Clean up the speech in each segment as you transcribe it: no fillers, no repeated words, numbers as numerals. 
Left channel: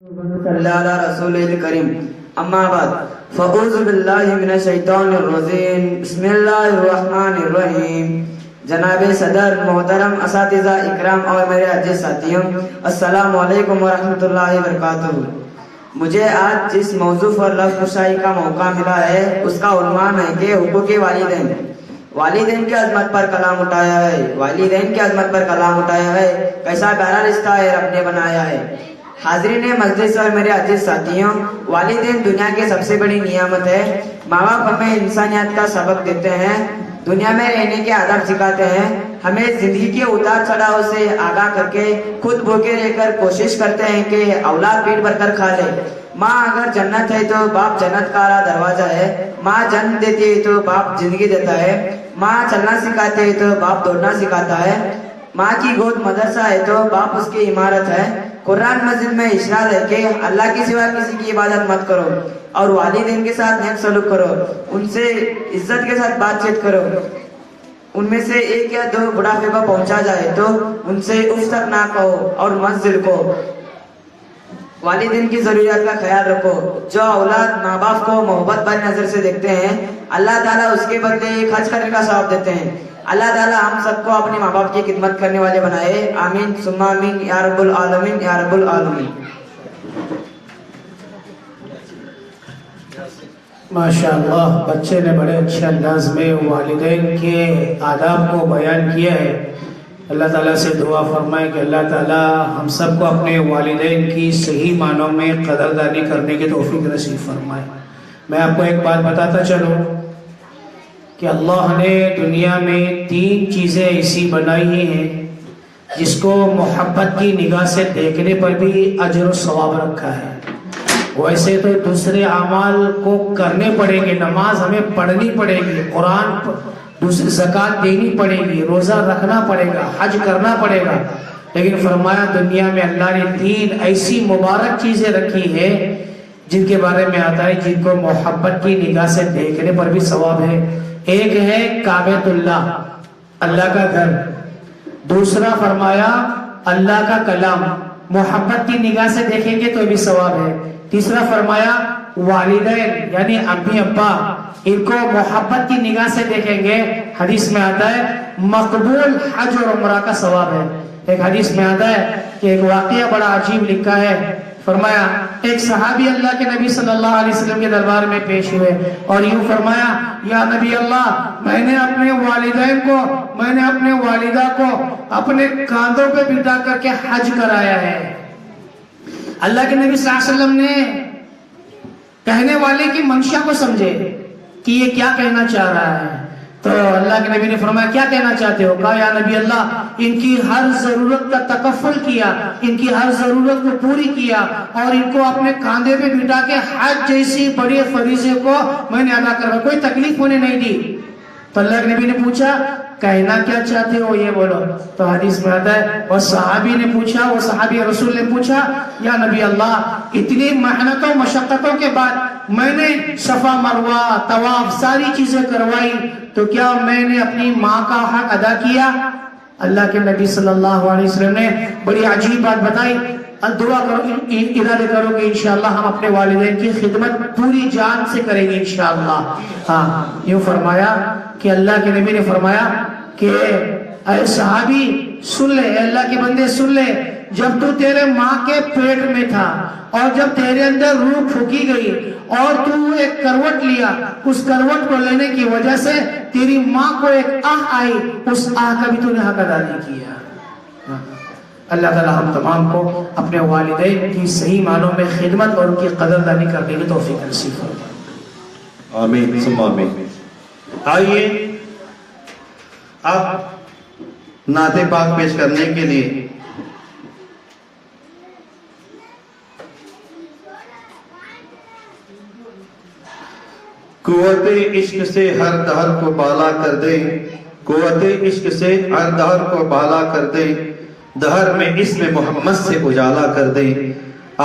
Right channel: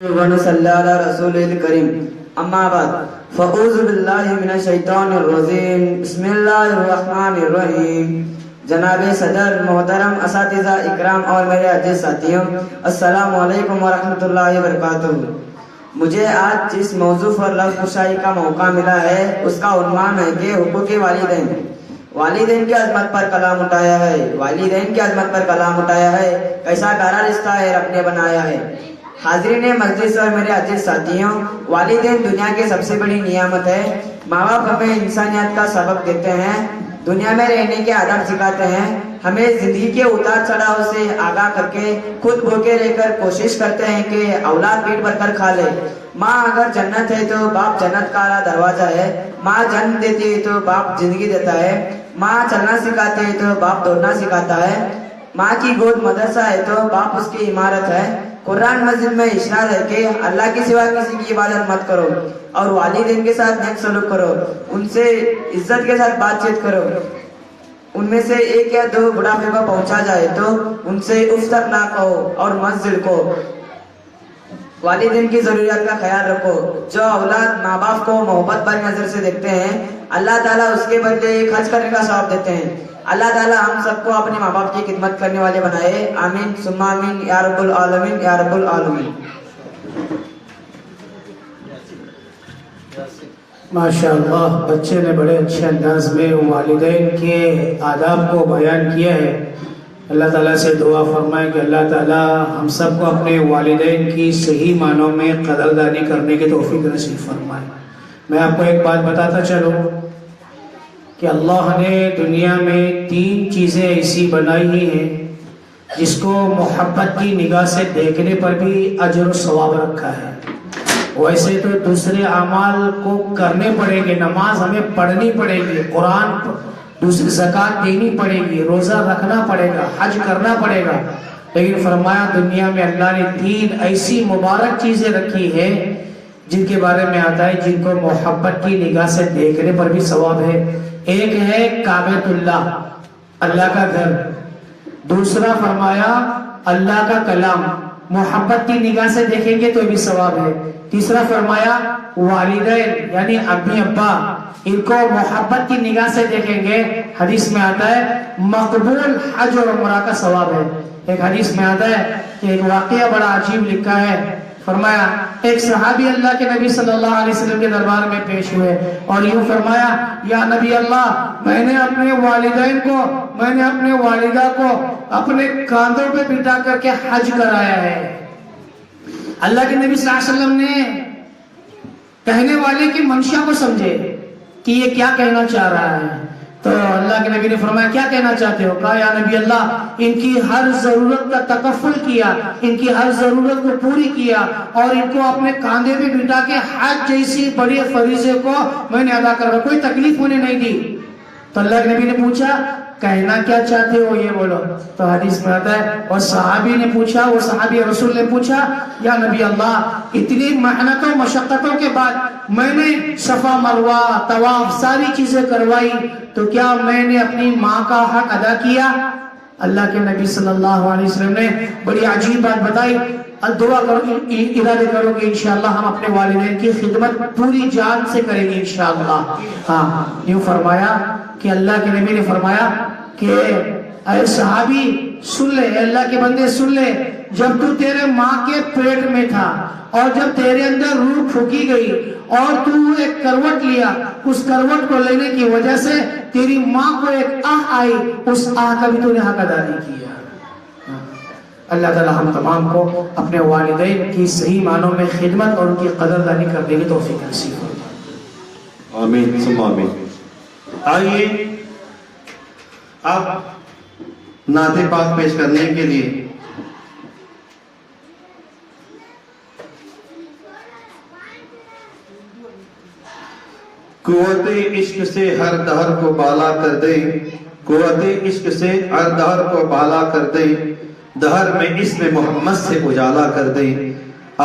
ونصلي على رسوله الكريم اما بعد فاعوذ بالله من الشیطان الرجیم بسم اللہ الرحمن الرحیم جناب صدر محترم اساتذہ اکرام اور میرے عزیز ساتھیوں السلام علیکم ورحمۃ اللہ وبرکاتہ۔ مجھے آج جس موضوع پر لفظ کشائی کا موقع ملا ہے اس کا عنوان ہے کہ حقوق والدین۔ والدین کی عظمت پر کلام اٹھایا ہے، والدین کی عظمت پر کلام اٹھایا ہے، کیسا پیارا رشتہ ہے رب نے بنایا ہے۔ حاضرین مجلس اور میرے عزیز ساتھیوں، والدین دنیا کی سب سے بڑی نعمت ہے۔ ماں باپ ہمیں انسانیت کا سبق دیتے ہیں، دنیا میں رہنے کے آداب سکھاتے ہیں، ہمیں زندگی کے اتار چڑھاؤ سے آگاہ کر کے خود بھوکے رہ کر کوشش کرتے ہیں کہ اولاد پیٹ بھر کر کھا لے۔ ماں اگر جنت ہے تو باپ جنت کا دروازہ ہے، ماں جنم دیتی ہے تو باپ زندگی دیتا ہے، ماں چلنا سکھاتے ہے تو باپ دوڑنا سکھاتا ہے، ماں کی گود مدرسہ ہے تو باپ اس کی عمارت ہے۔ قرآن مجید میں ارشاد ہے کہ اللہ کے سوا کسی کی عبادت مت کرو اور والدین کے ساتھ نیک سلوک کرو، ان سے عزت کے ساتھ بات چیت کرو، ان میں سے ایک یا دو بڑھاپے کو پہنچا جائے تو ان سے اف تک نہ کہو اور منزل کو والدین کی ضروریات کا خیال رکھو۔ جو اولاد ماں باپ کو محبت بھری نظر سے دیکھتے ہیں اللہ تعالیٰ اس کے بدلے خرچ کرنے کا ثواب دیتے ہیں۔ اللہ تعالیٰ ہم سب کو اپنے ماں باپ کی خدمت کرنے والے بنائے، آمین ثم آمین یا رب العالمین یا رب العالمین۔ ماشاءاللہ، بچے نے بڑے اچھے انداز میں والدین کے آداب کو بیان کیا ہے۔ اللہ تعالیٰ سے دعا فرمائے کہ اللہ تعالیٰ ہم سب کو اپنے والدین کی صحیح معنوں میں قدردانی کرنے کی توفیق نصیب فرمائے۔ میں آپ کو ایک بات بتاتا چلوں کہ اللہ نے دنیا میں 3 چیزیں ایسی بنائی ہیں جس کو محبت کی نگاہ سے دیکھنے پر بھی اجر و ثواب رکھا ہے۔ ویسے تو دوسرے اعمال کو کرنے پڑیں گے، نماز ہمیں پڑھنی پڑے گی، قرآن دوسری زکوٰۃ دینی پڑے گی، روزہ رکھنا پڑے گا، حج کرنا پڑے گا، لیکن فرمایا دنیا میں اللہ نے 3 ایسی مبارک چیزیں رکھی ہے جن کے بارے میں آتا ہے جن کو محبت کی نگاہ سے دیکھنے پر بھی ثواب ہے۔ ایک ہے کعبۃ اللہ، اللہ کا گھر۔ دوسرا فرمایا اللہ کا کلام، محبت کی نگاہ سے دیکھیں گے تو بھی ثواب ہے۔ تیسرا فرمایا والدین یعنی امی ابا، ان کو محبت کی نگاہ سے دیکھیں گے، حدیث میں آتا ہے مقبول حج اور عمرہ کا ثواب ہے۔ ایک حدیث میں آتا ہے کہ ایک واقعہ بڑا عجیب لکھا ہے، فرمایا ایک صحابی اللہ کے نبی صلی اللہ علیہ وسلم کے دربار میں پیش ہوئے اور یوں فرمایا یا نبی اللہ، میں نے اپنے والدین کو، میں نے اپنے والدہ کو اپنے کاندھوں پہ بٹھا کر کے حج کرایا ہے۔ اللہ کے نبی صلی اللہ علیہ وسلم نے کہنے والے کی منشا کو سمجھے کہ یہ کیا کہنا چاہ رہا ہے، تو اللہ کے نبی نے فرمایا کیا کہنا چاہتے ہو؟ کہا یا نبی اللہ، ان کی ہر ضرورت کا تکفل کیا، ان کی ہر ضرورت کو پوری کیا اور ان کو اپنے کاندھے پہ بٹھا کے حج جیسی بڑی فریضے کو میں نے ادا کروا، کوئی تکلیف ہونے نہیں دی۔ تو اللہ کے نبی نے پوچھا کہنا کیا چاہتے ہو یہ بولو، تو حدیث میں آتا ہے اور صحابی نے پوچھا، وہ صحابی رسول نے پوچھا یا نبی اللہ، اتنی محنتوں مشقتوں کے بعد میں نے صفا مروہ طواف ساری چیزیں کروائی، تو کیا میں نے اپنی ماں کا حق ادا کیا؟ اللہ کے نبی صلی اللہ علیہ وسلم نے بڑی عجیب بات بتائی، دعا کرو، ارادے کرو کہ انشاءاللہ ہم اپنے والدین کی خدمت پوری جان سے کریں گے انشاءاللہ۔ ہاں، یوں فرمایا کہ اللہ کے نبی نے فرمایا کہ اے صحابی سن لے، اے اللہ کے بندے سن لے، جب تو تیرے ماں کے پیٹ میں تھا اور جب تیرے اندر روح پھونکی گئی اور تو ایک کروٹ لیا، اس کروٹ کو لینے کی وجہ سے تیری ماں کو ایک آہ آئی، اس آہ کا بھی تو نے حق ادا نہیں کیا۔ اللہ تعالی ہم تمام کو اپنے والدین کی صحیح معنوں میں خدمت اور ان کی قدردانی کرنے کی توفیق نصیب فرمائے۔ آمین ثم آمین۔ آئیے اب نعت پاک پیش کرنے کے لیے قوت عشق سے ہر دہر کو بالا کر دے، قوت عشق سے ہر دہر کو بالا کر دے، دہر میں اسم محمد سے اجالا کر دے۔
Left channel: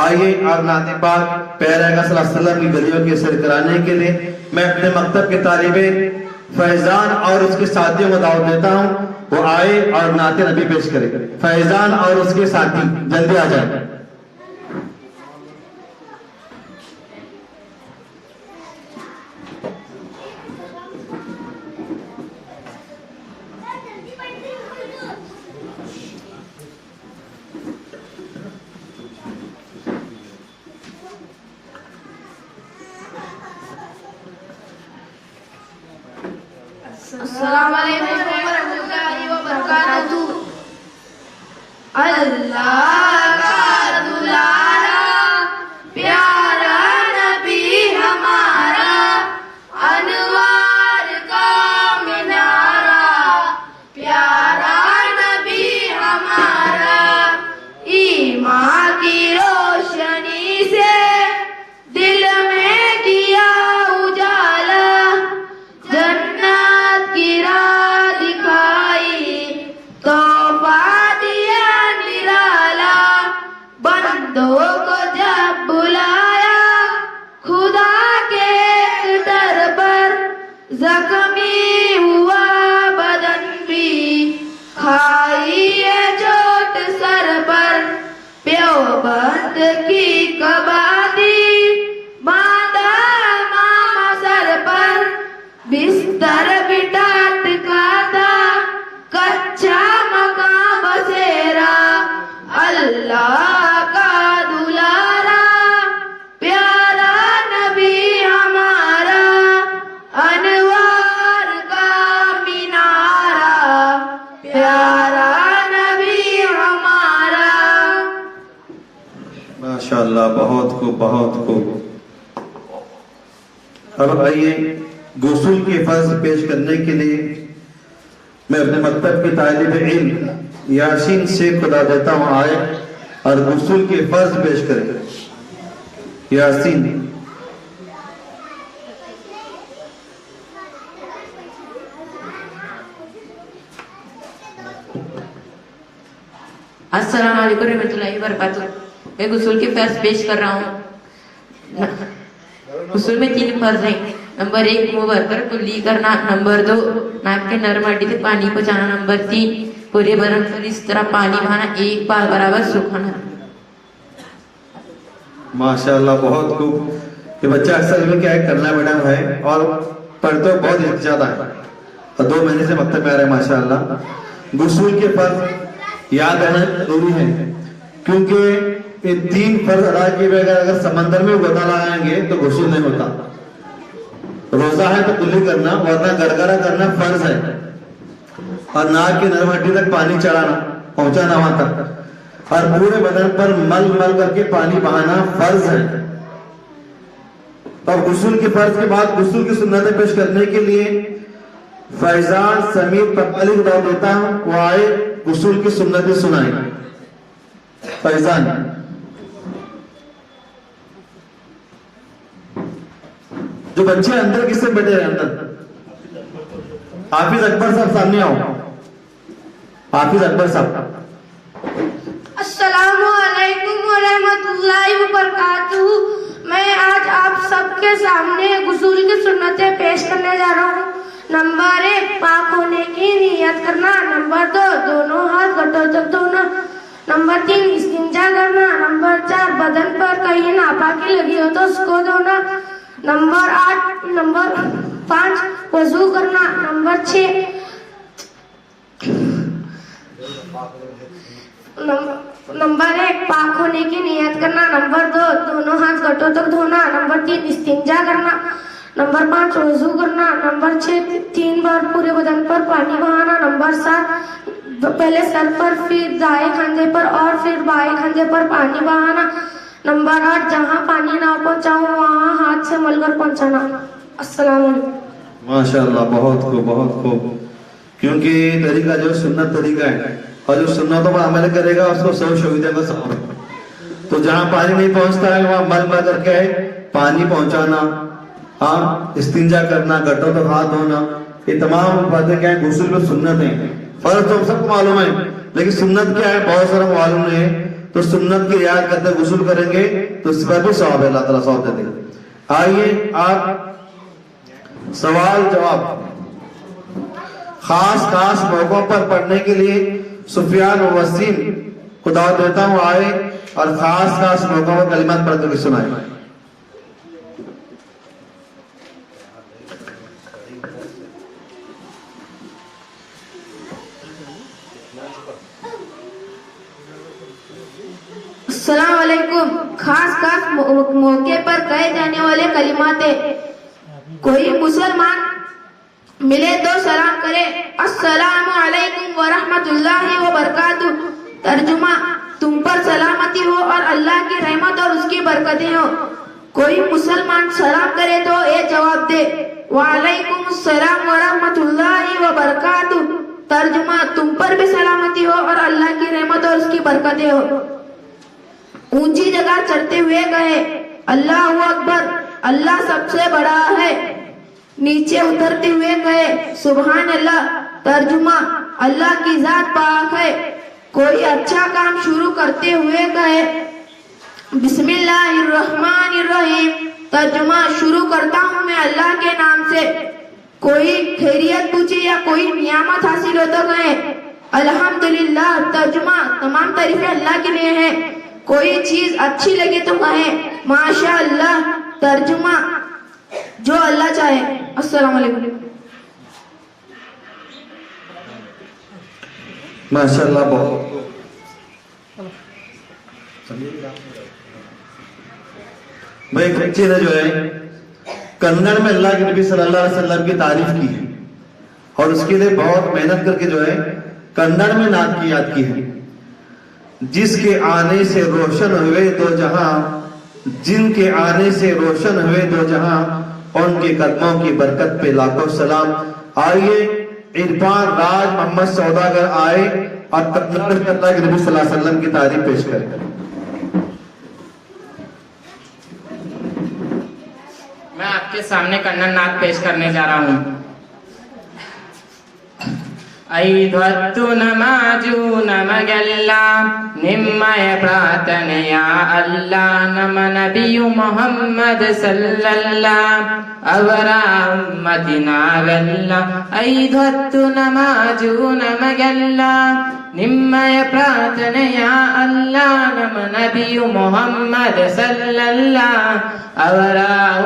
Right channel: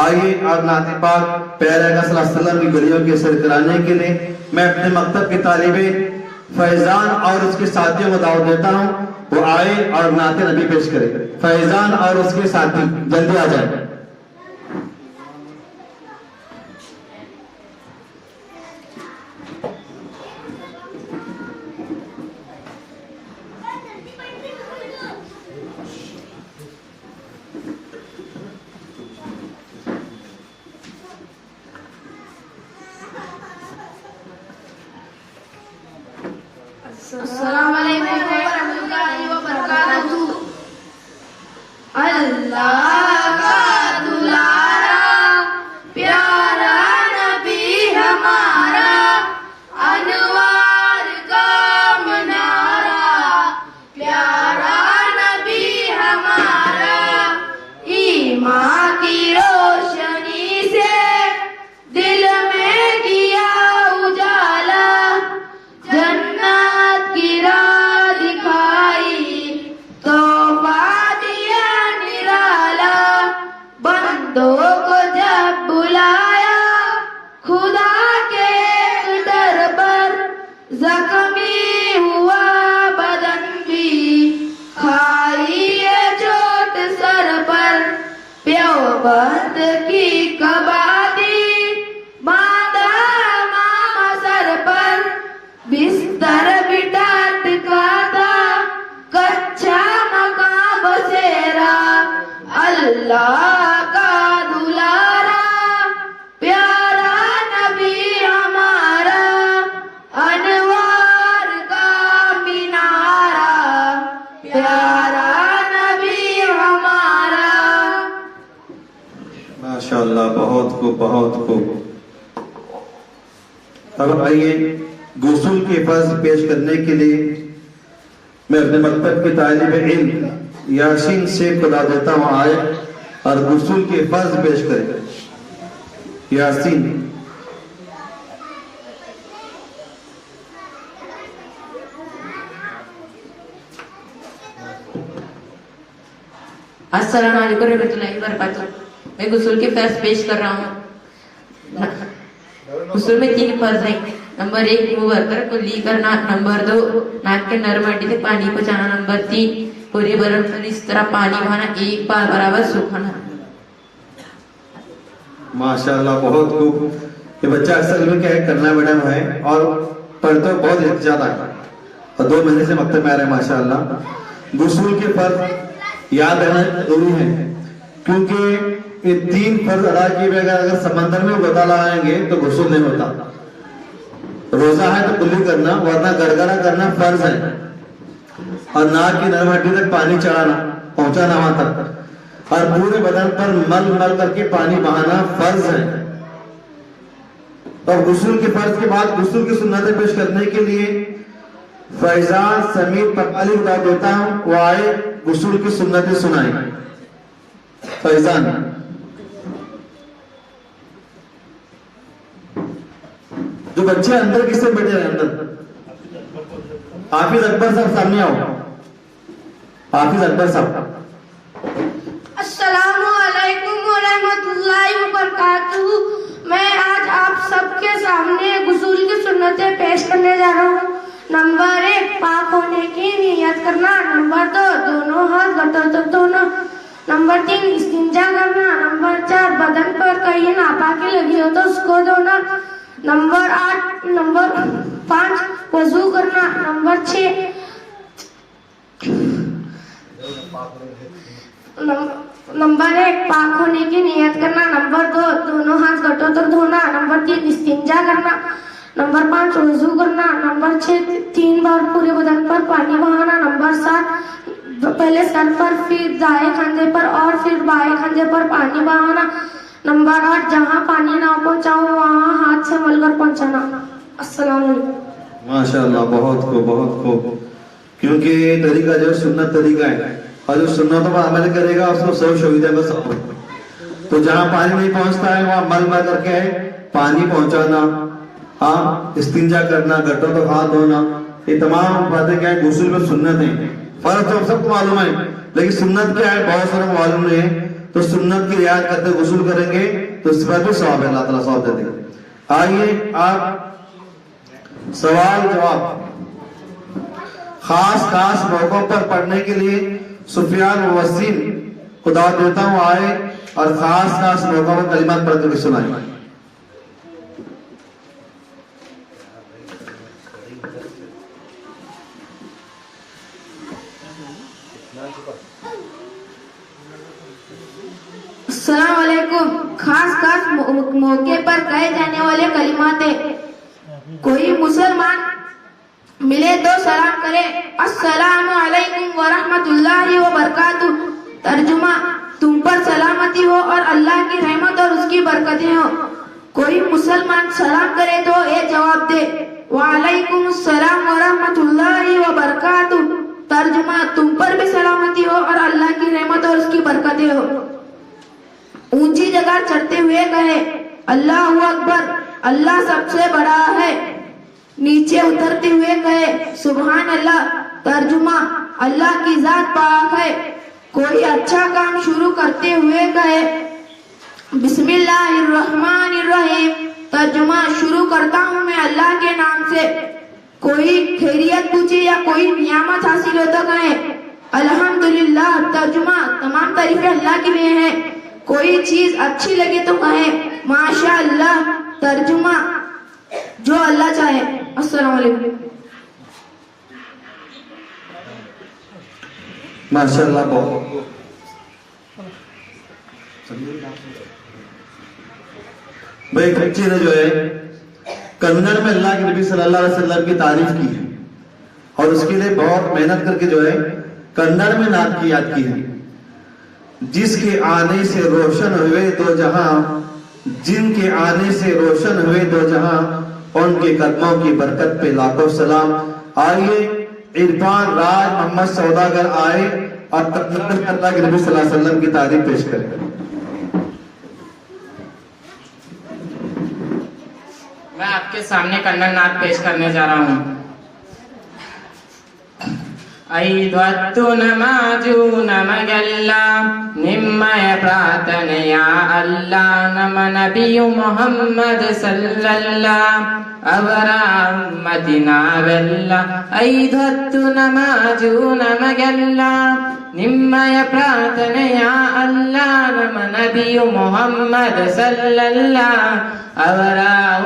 آئیے آپ نعت پاک پیارے آقا صلی اللہ علیہ وسلم کی گلیوں کے سیر کرانے کے لیے میں اپنے مکتب کے طالب فیضان اور اس کے ساتھیوں کو دعوت دیتا ہوں، وہ آئے اور نعت نبی پیش کرے۔ فیضان اور اس کے ساتھی جلدی آ جائے۔ की कबादी, बांधा मामा सर पर बिस्तर बिठात का था, कच्चा मकान बसेरा अल्लाह का दुलारा, प्यारा नबी हमारा अनवार का मीनारा, प्यारा नबी हमारा। माशाअल्लाह, बहुत खूब, बहुत खूब। अब आइए गुस्ल के फर्ज पेश करने के लिए मैं अपने मकतब के तालिब इल्म यासीन से खुदा देता हूँ आए और गुस्ल के फर्ज पेश करें। यासीन। अस्सलाम वालेकुम रहमतुल्लाहि व बरकातुहू। मैं गुस्ल के फर्ज पेश कर रहा हूँ। गुस्ल में 3 फर्ज हैं। नंबर 1 मुंह भरकर कुल्ली करना, नंबर 2 नाक के नरम हड्डी से पानी पहुंचाना, नंबर 3 पूरे बदन पर इस तरह पानी बहाना, 1 बार बराबर सूखना। माशाअल्लाह, बहुत खूब। ये बच्चा अक्सर में क्या करना मैडम है और पढ़ते बहुत ज्यादा है और 2 महीने से मकतब में आ रहे हैं माशाअल्लाह। गुस्ल के फर्ज याद रहना जरूरी है क्योंकि ये 3 फर्ज अदा किए बगैर अगर समंदर में गोता लगाएंगे तो गुस्ल नहीं होता। रोजा है तो कुल्ली करना, वरना गरगरा करना फर्ज है और नाक की नरम हड्डी तक पानी चढ़ाना, पहुंचाना वहां तक, और पूरे बदन पर मल मल करके पानी बहाना फर्ज है। और गुस्ल के फर्ज के बाद गुस्ल की सुन्नतें पेश करने के लिए फैजान समीर पकाली को देता हूं, वो आए गुस्ल की सुन्नतें सुनाए। फैजान। जो बच्चे अंदर किससे बैठे हैं अंदर? हाफिज अकबर साहब सामने आओ। हाफिज अकबर साहब। अस्सलामु अलैकुम व रहमतुल्लाहि व बरकातुहू। मैं आज आप सबके सामने गुस्ल की सुन्नतें पेश करने जा रहा हूँ। नंबर 1 पाक होने की नियत करना, नंबर 2 दोनों हाथ घुटनों तक धोना, नंबर 3 इस्तिंजा करना, नंबर 4 बदन पर कहीं नापाकी लगी हो तो उसको धोना, नंबर 5 वजू करना, नंबर 6 नंबर 1 पाक होने की नियत करना, नंबर 2 दोनों हाथ घुटनों तक धोना, नंबर 3 इस्तिंजा करना, नंबर 5 वजू करना, नंबर 6 3 बार पूरे बदन पर पानी बहाना, नंबर 7 पहले सर पर फिर दाएं कंधे पर और फिर बाएं कंधे पर पानी बहाना, नंबर 8 जहाँ पानी ना पहुँचाओ वहाँ हाथ से मलकर पहुँचाना। अस्सलाम वालेकुम। माशाअल्लाह, बहुत खूब, बहुत खूब। क्योंकि ये तरीका जो सुन्नत तरीका है और जो सुन्नतों पर अमल करेगा उसको 100 शहीदों का सब। तो जहाँ पानी नहीं पहुँचता है वहाँ मल मल करके पानी पहुँचाना, हाँ, इस्तिंजा करना, घुटनों तक हाथ धोना, ये तमाम बातें क्या है गुस्ल में सुन्नत है। फर्ज तो सबको मालूम है लेकिन सुन्नत क्या है बहुत सारा मालूम नहीं है। तो सुन्नत की रियायत करते गुस्ल करेंगे तो इस पर भी सवाब है, अल्लाह ताला सवाब देते। आइए आप सवाल जवाब खास मौकों पर पढ़ने के लिए सुफियान व वसीम को दावत देता हूँ आए और खास मौकों पर कलिमात पढ़ के सुनाए। अस्सलाम वालेकुम। खास मौके पर कहे जाने वाले कलिमात है। कोई मुसलमान मिले तो सलाम करे, अस्सलामु अलैकुम व रहमतुल्लाहि व बरकातुहू। तर्जुमा, तुम पर सलामती हो और अल्लाह की रहमत और उसकी बरकतें हो। कोई मुसलमान सलाम करे तो ये जवाब दे, वालेकुम अस्सलाम व रहमतुल्लाहि व बरकातुहू। तर्जुमा, तुम पर भी सलामती हो और अल्लाह की रहमत और उसकी बरकतें हो। ऊंची जगह चढ़ते हुए कहे, अल्लाह अकबर, अल्लाह सबसे बड़ा है। नीचे उतरते हुए कहे, सुभान अल्लाह। तर्जुमा, अल्लाह की जात पाक है। कोई अच्छा काम शुरू करते हुए कहे, बिस्मिल्लाहिर्रहमानिर्रहीम। तर्जुमा, शुरू करता हूँ मैं अल्लाह के नाम से। कोई खैरियत पूछे या कोई नियामत हासिल हो तो कहे, अल्हम्दुलिल्लाह। तर्जुमा, तमाम तारीफें अल्लाह के लिए हैं। कोई चीज अच्छी लगे तो कहें माशा अल्लाह, तर्जुमा जो अल्लाह चाहे। अस्सलाम वालेकुम। माशाल्लाह बहुत। भाई एक बच्चे ने जो है कन्नड़ में अल्लाह के नबी सल्लल्लाहु अलैहि वसल्लम की तारीफ की है और उसके लिए बहुत मेहनत करके जो है कन्नड़ में नात की याद की है। जिसके आने से रोशन हुए दो जहां, जिनके आने से रोशन हुए दो जहां, उनके कदमों की बरकत पे लाखों सलाम। आइए इरफान राज मोहम्मद सौदागर आए और अल्लाह के नबी सल्लल्लाहु अलैहि वसल्लम की तारीफ पेश करें। मैं आपके सामने कन्नड़ नाद पेश करने जा रहा हूँ। ಐದೊತ್ತು ನಮಾಜು ನಮಗೆಲ್ಲ ನಿಮ್ಮಯ ಪ್ರಾರ್ಥನೆಯ ಅಲ್ಲ, ನಮ್ಮ ನಬಿಯು ಮೊಹಮ್ಮದ್ ಸಲ್ಲಲ್ಲ ಅವರ ಉಮ್ಮತಿ ನಾವೆಲ್ಲ. ಐದೊತ್ತು ನಮಾಜು ನಮಗೆಲ್ಲ ನಿಮ್ಮಯ ಪ್ರಾರ್ಥನೆಯ ಅಲ್ಲ, ನಮ್ಮ ನಬಿಯು ಮೊಹಮ್ಮದ್ ಸಲ್ಲಲ್ಲ ಅವರ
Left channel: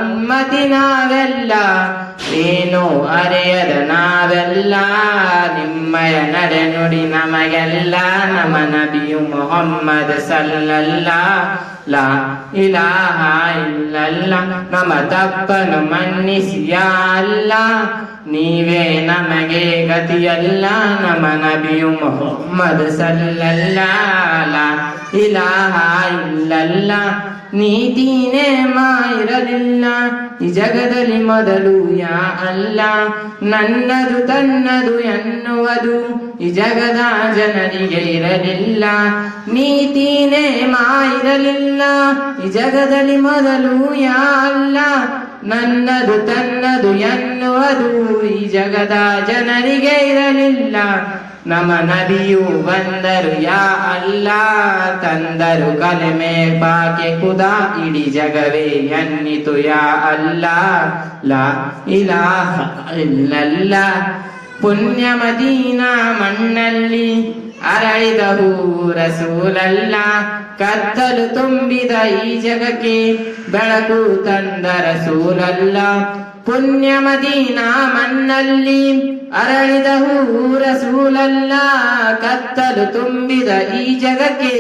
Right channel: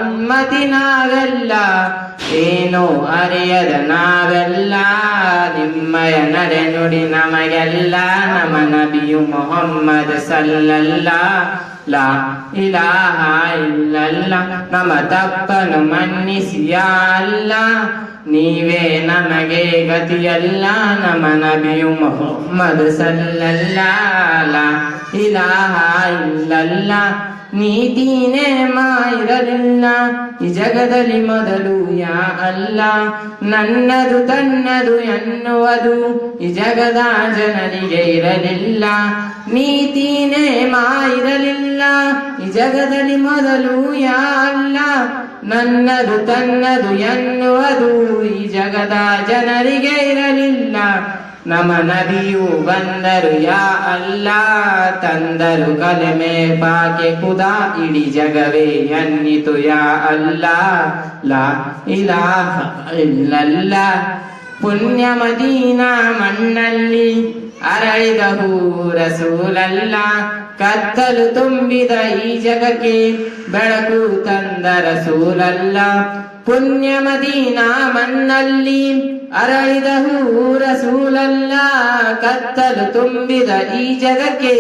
ಉಮ್ಮತಿ ನಾವೆಲ್ಲ. ಏನು ಅರಿಯದ ನಾವೆಲ್ಲ ನಿಮ್ಮಯ ನಡೆ ನುಡಿ ನಮಗೆಲ್ಲ, ನಮ್ಮ ನಬಿಯು ಮೊಹಮ್ಮದ್ ಸಲ್ಲಲ್ಲ ಲಾ ಇಲಾಹ ಇಲ್ಲಲ್ಲ. ನಮ್ಮ ತಪ್ಪನು ಮನ್ನಿಸಿ ಯಾ ಅಲ್ಲ, ನೀವೇ ನಮಗೆ ಗತಿಯಲ್ಲ, ನಮ್ಮ ನಬಿಯು ಮೊಹಮ್ಮದ್ ಸಲ್ಲಲ್ಲ ಲಾ ಇಲಾಹ ಇಲ್ಲಲ್ಲ. ನೀತಿನೇ ಇರಲಿಲ್ಲ ಈ ಜಗದಲ್ಲಿ ಮೊದಲು ಯಾ ಅಲ್ಲ, ನನ್ನದು ತನ್ನದು ಎನ್ನುವುದು ಈ ಜಗದ ಜನರಿಗೆ ಇರಲಿಲ್ಲ. ನೀತಿನೇ ಇರಲಿಲ್ಲ ಈ ಜಗದಲ್ಲಿ ಮೊದಲು ಯಾ ಅಲ್ಲ, ನನ್ನದು ತನ್ನದು ಎನ್ನುವುದು ಈ ಜಗದ ಜನರಿಗೆ ಇರಲಿಲ್ಲ. ನಮ್ಮ ನಬಿಯು ಬಂದರು ಯಾ ಅಲ್ಲ, ತಂದರು ಕಲೆಮೆ ಪಾಕೆ ಖುದಾ, ಇಡೀ ಜಗವೇ ಎನ್ನಿತು ಯಾ ಅಲ್ಲ ಲಾ ಇಲಾಹ ಇಲ್ಲಲ್ಲ. ಪುಣ್ಯ ಮದೀನಾ ಮಣ್ಣಲ್ಲಿ ಅರಳಿದವು ರಸೂಲಲ್ಲ, ಕತ್ತಲು ತುಂಬಿದ ಈ ಜಗಕ್ಕೆ ಬೆಳಕು ತಂದ ರಸೂಲಲ್ಲ. ಪುಣ್ಯ ಮದೀನಾ ಮಣ್ಣಲ್ಲಿ ಅರಳಿದವು ರಸೂಲಲ್ಲ, ಕತ್ತಲು ತುಂಬಿದ ಈ ಜಗಕ್ಕೆ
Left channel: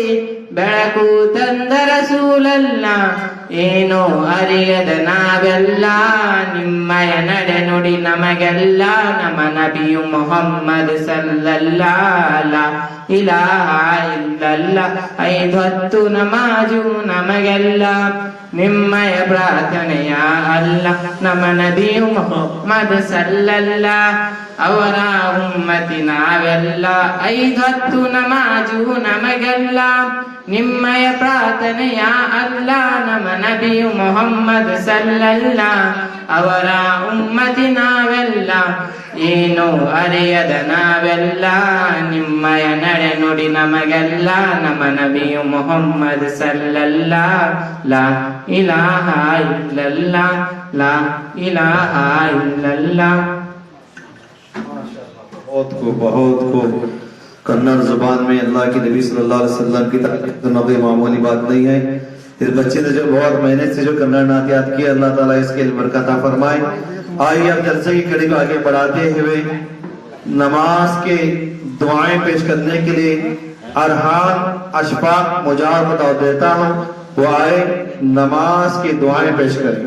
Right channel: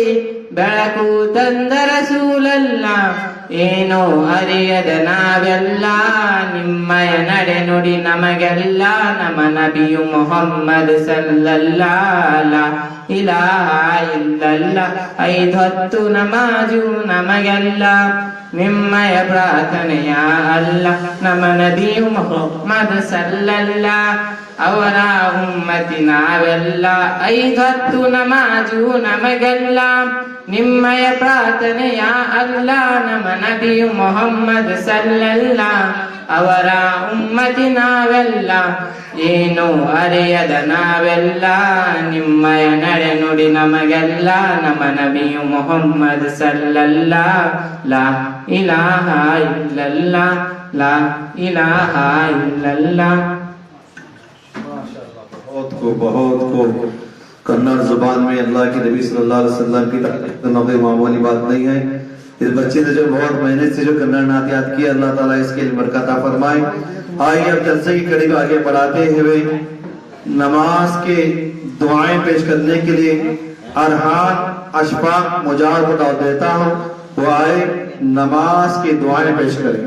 ಬೆಳಕು ತಂದ ರಸೂಲಲ್ಲ. ಏನೋ ಅರಿಯದ ನಾವೆಲ್ಲ ನಿಮ್ಮಯ ನಡೆ ನುಡಿ ನಮಗೆಲ್ಲ, ನಮ್ಮ ನಬಿಯು ಮೊಹಮ್ಮದ್ ಸಲ್ಲಲ್ಲ ಲಾ ಇಲಾಹ ಇಲ್ಲಲ್ಲ. ಐದೊತ್ತು ನಮಾಜು ನಮಗೆಲ್ಲ ನಿಮ್ಮಯ ಪ್ರಾರ್ಥನೆಯ ಅಲ್ಲ, ನಮ್ಮ ನಬಿಯು ಮೊಹಮ್ಮದ್ ಸಲ್ಲಲ್ಲ ಅವರ ಉಮ್ಮತಿ ನಾವೆಲ್ಲ. ಐದೊತ್ತು ನಮಾಜು ನಮಗೆಲ್ಲ ನಿಮ್ಮಯ ಪ್ರಾರ್ಥನೆಯ ಅಲ್ಲ, ನಮ್ಮ ನಬಿಯು ಮೊಹಮ್ಮದ್ ಸಲ್ಲಲ್ಲ ಅವರ ಉಮ್ಮತಿ ನಾವೆಲ್ಲ. ಏನು ಅರಿಯದ ನಾವೆಲ್ಲ ನಿಮ್ಮಯ ನಡೆ ನುಡಿ ನಮಗೆಲ್ಲ, ನಮ್ಮ ನಬಿಯು ಮೊಹಮ್ಮದ್ ಸಲ್ಲಲ್ಲ ಲಾ ಇಲಾಹ ಇಲ್ಲಲ್ಲ ಲಾ ಇಲಾಹ ಇಲ್ಲಲ್ಲ. बहुत को कन्नड़ जुबान में अल्लाह के नबी सल्लल्लाहु अलैहि वसल्लम की तारीफ करना कोई मामूली बात नहीं है। इस बच्चे ने जो बहुत मेहनत से जो कन्नड़ नात याद किया, अल्लाह ताला इसके इल्म बरकत अता फरमाए। आइए अब जलसे की कड़ी को आगे बढ़ाते हुए नमाज के दुआएं पेश करने के लिए अरहान अशफाक मुजाहिर को दावत देता हूँ, वो आए नमाज की दुआएं पेश करें।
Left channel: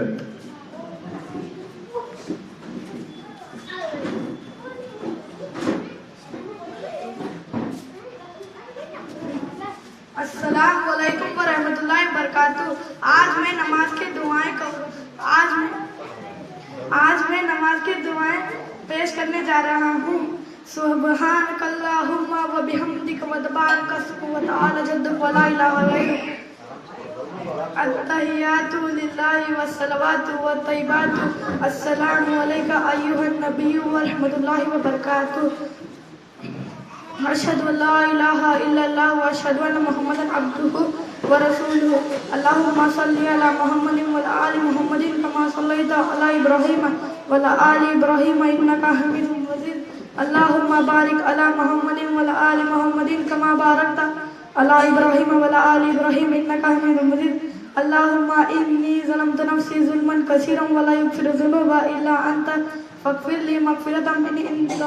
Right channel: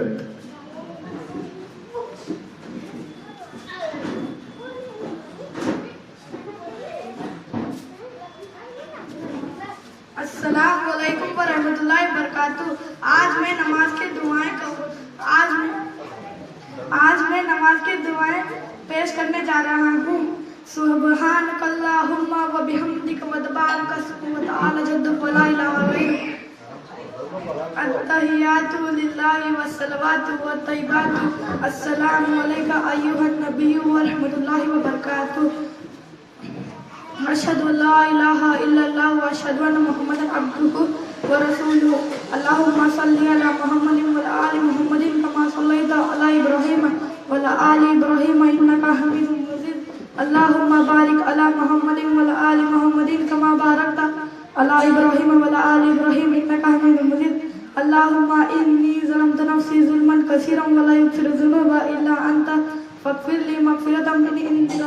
अस्सलामुअलैकुम वरहमतुल्लाहि वबरकातुहू। आज मैं नमाज की दुआएं पेश करने जा रहा हूँ। सुब्हानकल्लाहुम्मा व बिहम्दिक व तबारक अस्मुक व तआला जद्दुक व ला इलाहा गैरुक। अत्तहियातु लिल्लाहि व सलवातु व तय्यिबातु। अस्सलामु अलैका अय्युहन नबिय्यु व रहमतुल्लाहि व बरकातुहू। अशहदु अल्ला इलाहा इल्लल्लाह व अशहदु अन्ना मुहम्मदन अब्दुहु व रसूलुहु। अल्लाहुम्मा सल्लि अला मुहम्मदिन व अला आलि मुहम्मदिन कमा सल्लैता अला इब्राहीम व अला आलि इब्राहीम इन्नका हमीदुम मजीद। अल्लाहुम्मा बारिक अला मुहम्मदिन व अला आलि मुहम्मदिन कमा बारकता على إبراهيم وعلى آل إبراهيم إنك حميد مجيد اللهم إني ظلمت نفسي ظلما كثيرا ولا يغفر الذنوب إلا أنت فاغفر لي مغفرة من عندك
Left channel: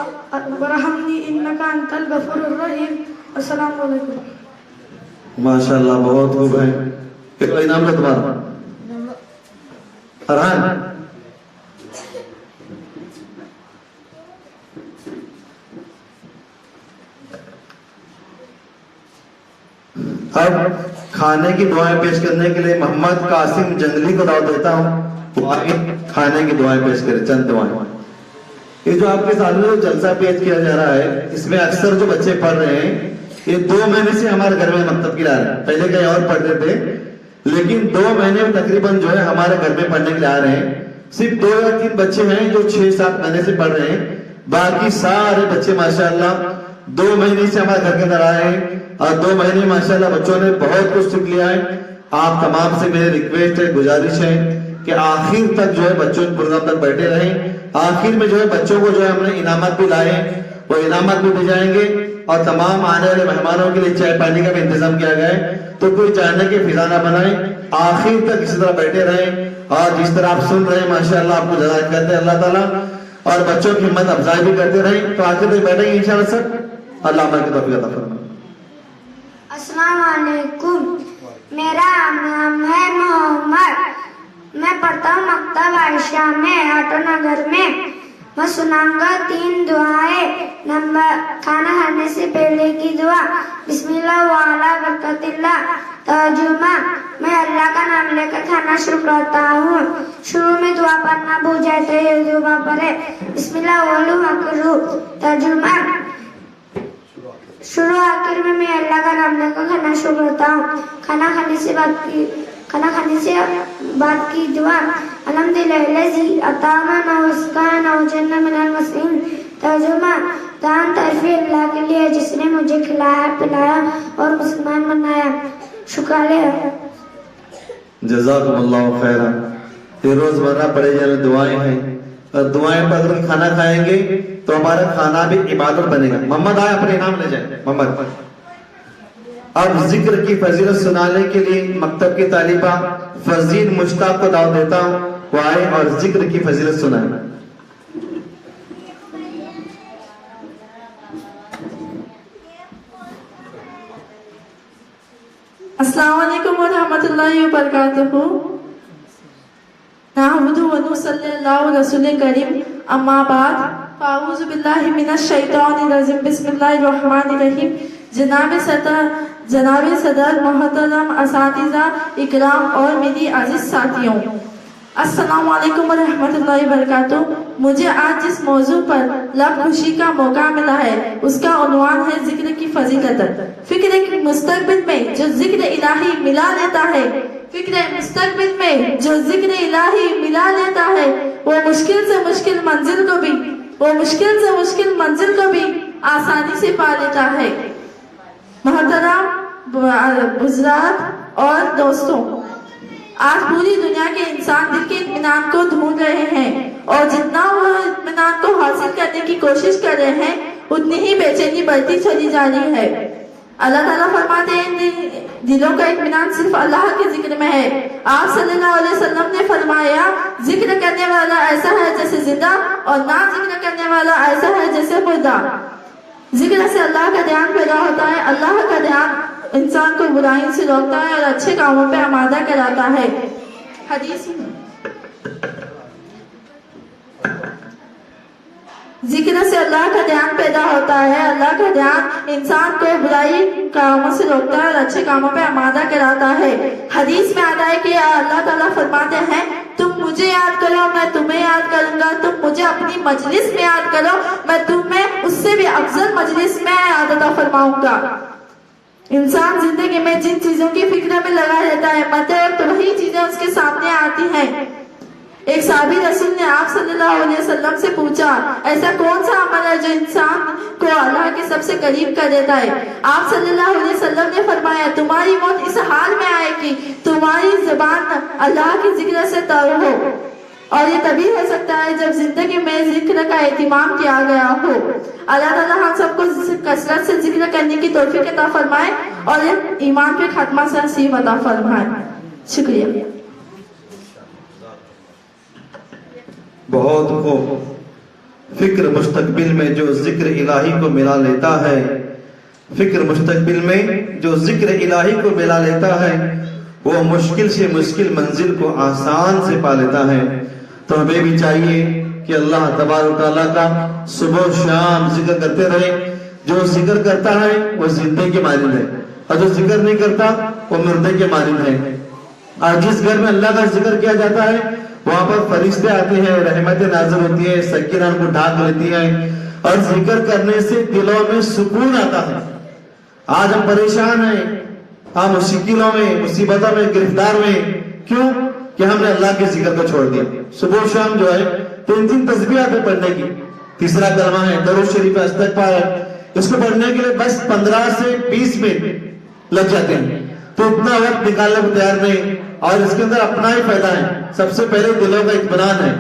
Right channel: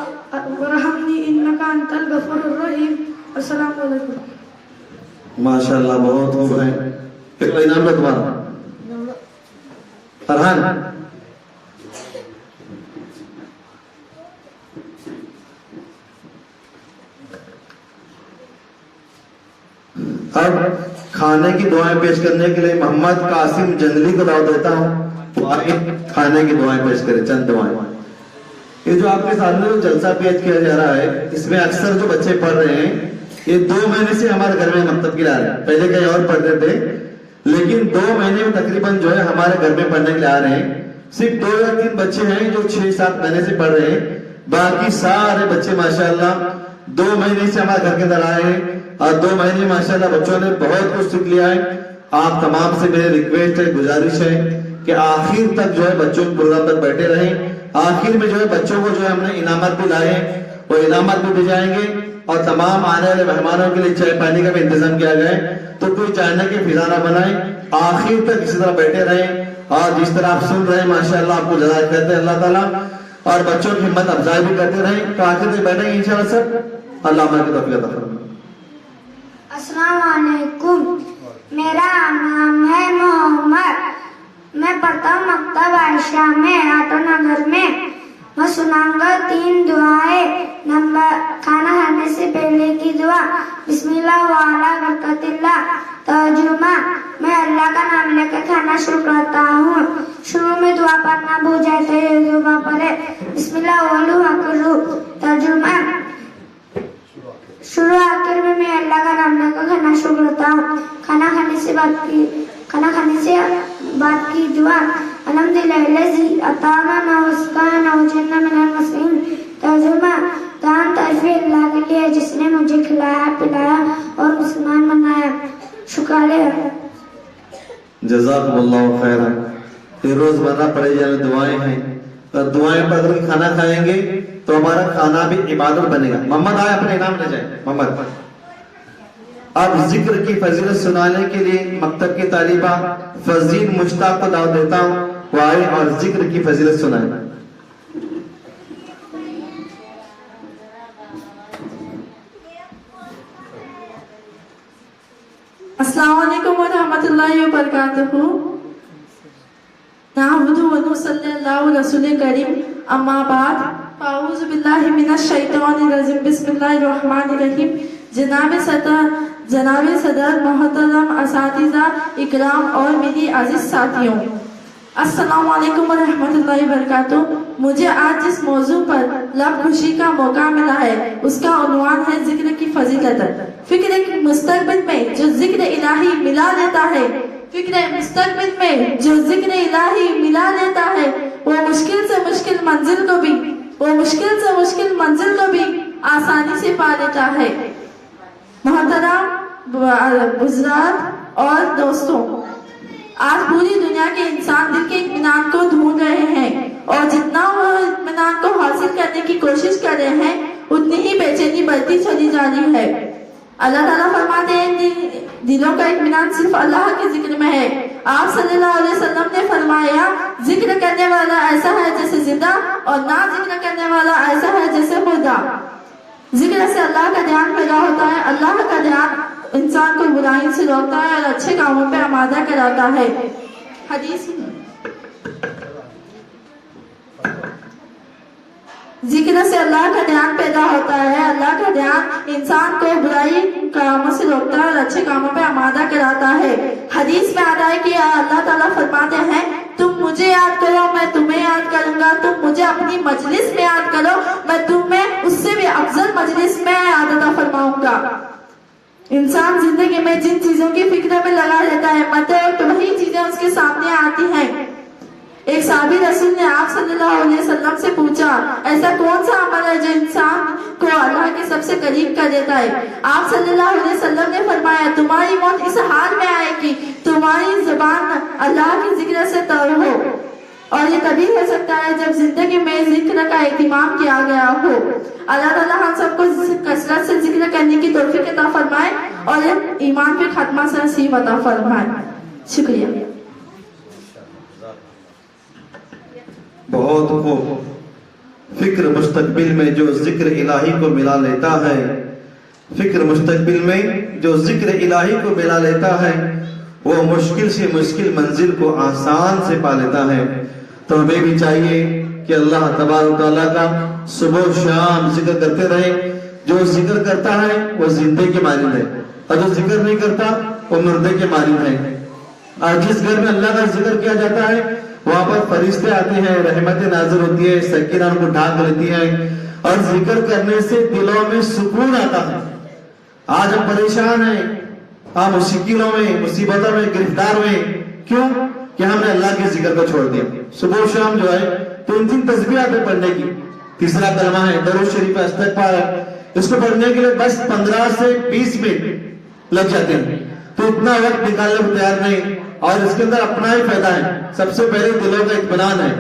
وارحمني إنك أنت الغفور الرحيم السلام علیکم. माशाल्लाह बहुत खूब है. कितना इनाम है तुम्हारा? फरहान अब खाने की दुआएं पेश करने के लिए मोहम्मद कासिम जंगली को दावत देता हूँ. वो आगे खाने की दुआएं पेश करें. चंद दुआएं. ये जो आपके सामने जो जलसा पेश किया जा रहा है, इसमें अक्सर जो बच्चे पढ़ रहे हैं, ये 2 महीने से हमारे घर में मकतब की ला रहे हैं. पहले कहीं और पढ़ते थे, लेकिन 2 महीने में तकरीबन जो है हमारे घर में पढ़ने के लिए आ रहे हैं. सिर्फ 2 या 3 बच्चे हैं जो 6-7 महीने से पढ़ रहे हैं. बाकी सारे बच्चे माशाल्लाह 2 महीने से हमारे घर के अंदर आए हैं और 2 महीने माशाल्लाह बच्चों ने बहुत कुछ सीख लिया है. आप तमाम से मेरी रिक्वेस्ट है, गुजारिश है कि आखिर तक जो है बच्चों के प्रोग्राम तक बैठे रहें. आखिर में जो है बच्चों को जो है हमने इनामत भी लाए, वो इनामत भी दी जाएंगे और तमाम आने वाले मेहमानों के लिए चाय पानी का भी इंतजाम किया गया है. तो कोई जाने की फिजा ना बनाए, आखिर तक इसी तरह बैठे रहें और जिस तरह आप सुन रहे हैं माशाल्लाह आपको जज़ा करते हैं अल्लाह ताला और बच्चों की हिम्मत अफजाई भी करते रहें. तो आखिर तक बैठेंगे इंशाल्लाह सब. अल्लाह हमारे को तौफीक अता फरमाए. अस्सलाम वालेकुम. मेरा नाम है मोहम्मद. मैं पढ़ता हूँ मकतब आयशा में, आटो नगर में. मैं सुनाऊंगा 3 दुआएं. नंबर खाना खाने से पहले की दुआ बिस्मिल्लाह व अला बरकतिल्लाह. तर्जुमा मैं अल्लाह का नाम लेकर खाना शुरू करता हूँ. शुरू में दुआ पढ़ना भूल जाए तो ये दुआ पढ़े बिस्मिल्लाह वलू अकलू. तर्जुमा शुरू आखिर में मैं अल्लाह का नाम लेकर खाना शुरू करता हूँ. खाना खाने से बाद की दुआ अल्हम्दुलिल्लाहि अतामना वस्काना वजन्ना मिनल मसीन. तर्जुमा दान तारीफ अल्लाह के लिए जिसने मुझे खिलाया पिलाया और मुसलमान बनाया. शुक्रिया. जज़ाकुमुल्लाहु खैरन. ये रोजमर्रा पढ़े जाने दुआएं हैं और दुआएं पढ़ कर खाना खाएंगे तो हमारा खाना भी इबादत बनेगा. मोहम्मद आए अपने नाम ले जाए. मोहम्मद अब जिक्र की फजीलत सुनाने के लिए मकतब की तालिबा फजील मुश्ताक को दावत देता हूँ. वो आए और जिक्र की फजीलत सुनाए. अस्सलाम वालेकुम व रहमतुल्लाहि व बरकातहू. नहमदुहु व नुसल्ली अला रसूल करीम. अम्मा बाद फाऊज़ु बिल्लाहि मिनश शैतानिर रजीम. बिस्मिल्लाहिर रहमानिर रहीम. जनाब सदर मोहतरम असातिज़ा इकराम और मेरी अजीज साथियों, अस्सलाम वालेकुम व रहमतुल्लाहि व बरकातहू. मुझे आज जिस मौजू पर लब खुशी का मौका मिला है उसका उन्वान है जिक्र की फजीलत. फिक्र मुस्तकबिल में जो जिक्र इलाही मिला लेता है, फिक्र मुस्तकबिल में जो जिक्र इलाही मिला लेता है वो मुश्किल से मुश्किल मंजिल को भी आसानी से पा लेता है. मोहतरम बुजुर्ग और दोस्तों, आज पूरी दुनिया के इंसान दिल के इत्मीनान को ढूंढ रहे हैं और जितना वो इत्मीनान को हासिल करने की कोशिश कर रहे हैं उतनी ही बेचैनी बढ़ती चली जा रही है. अल्लाह ताला फरमाते हैं दिलों का इत्मीनान सिर्फ अल्लाह के जिक्र में है. आप सल्लल्लाहु अलैहि वसल्लम ने फरमाया जिक्र करने वाला ऐसा है जैसे जिंदा और ना जिक्र करने वाला ऐसा है जैसे मुर्दा. जिक्र से अल्लाह का ध्यान पैदा होता है. अल्लाह का ध्यान इंसान को बुराई से रोकता है और अच्छे कामों पे आमादा कराता है. हदीस जिक्र से अल्लाह का ध्यान पैदा होता है. अल्लाह का ध्यान इंसान को बुराई कामों से रोकता है और अच्छे कामों पे आमादा कराता है. हदीस में आता है कि अल्लाह ताला फरमाते हैं तुम मुझे याद करो मैं तुम्हें याद करूंगा. तुम मुझे अपनी मजलिस में याद करो मैं तुम्हें उससे भी अफजल मजलिस में याद अता फरमाऊंगा. इंसान जिंदगी में जिन चीजों की फिक्र में लगा रहता है मरते वक्त वही चीजें उसके सामने आती हैं. एक साहबी रसूल ने आप सल्लल्लाहु अलैहि वसल्लम से पूछा ऐसा कौन सा अमल है जो इंसान को अल्लाह के सबसे करीब कर देता है. आप सल्लल्लाहु अलैहि वसल्लम ने फरमाया तुम्हारी मौत इस हाल में आएगी तुम्हारी जुबान अल्लाह के जिक्र से तर हो. और ये तभी हो सकता है जब जिंदगी में जिक्र का एहतिमाम किया गया हो. अल्लाह ताला हम सबको कसरत से जिक्र करने की तौफीक अता फरमाए. और एक ईमान के खात्मा से नसीब अता फरमाए। शुक्रिया। बहुत खूब। फिक्र मुस्तकबिल में जो जिक्र इलाही को मिला लेता है, फिक्र मुस्तकबिल में जो जिक्र इलाही को मिला लेता है, वो मुश्किल से मुश्किल मंजिल को आसान से पा लेता है। तो हमें भी चाहिए कि अल्लाह तबारक तआला का सुबह शाम जिक्र करते रहे। जो जिक्र करता है वो जिंदे के मालिक है, और जो जिक्र नहीं करता वो मुर्दे के मालिक है। और जिस घर में अल्लाह का जिक्र किया जाता है वहां पर फरिश्ते आते हैं, रहमतें नाज़िल होती है, सकीना उनको ढाक लेती है, और जिक्र करने से दिलों में सुकून आता है। आज हम परेशान हैं, हम मुश्किलों में, मुसीबतों में, गिरफ्तार में, क्यों? कि हमने अल्लाह के जिक्र को छोड़ दिया। सुबह शाम जो है 3 तस्बीह पे पढ़ने की, तीसरा कलमा है दरूद शरीफ इस्तग़फ़ार, इसको पढ़ने के लिए बस 15 से 20 मिनट लग जाते हैं। तो इतना वक्त निकालने को तैयार नहीं, और इसके अंदर अपना ही फायदा है। सबसे पहले दिलों का इत्मीनान है।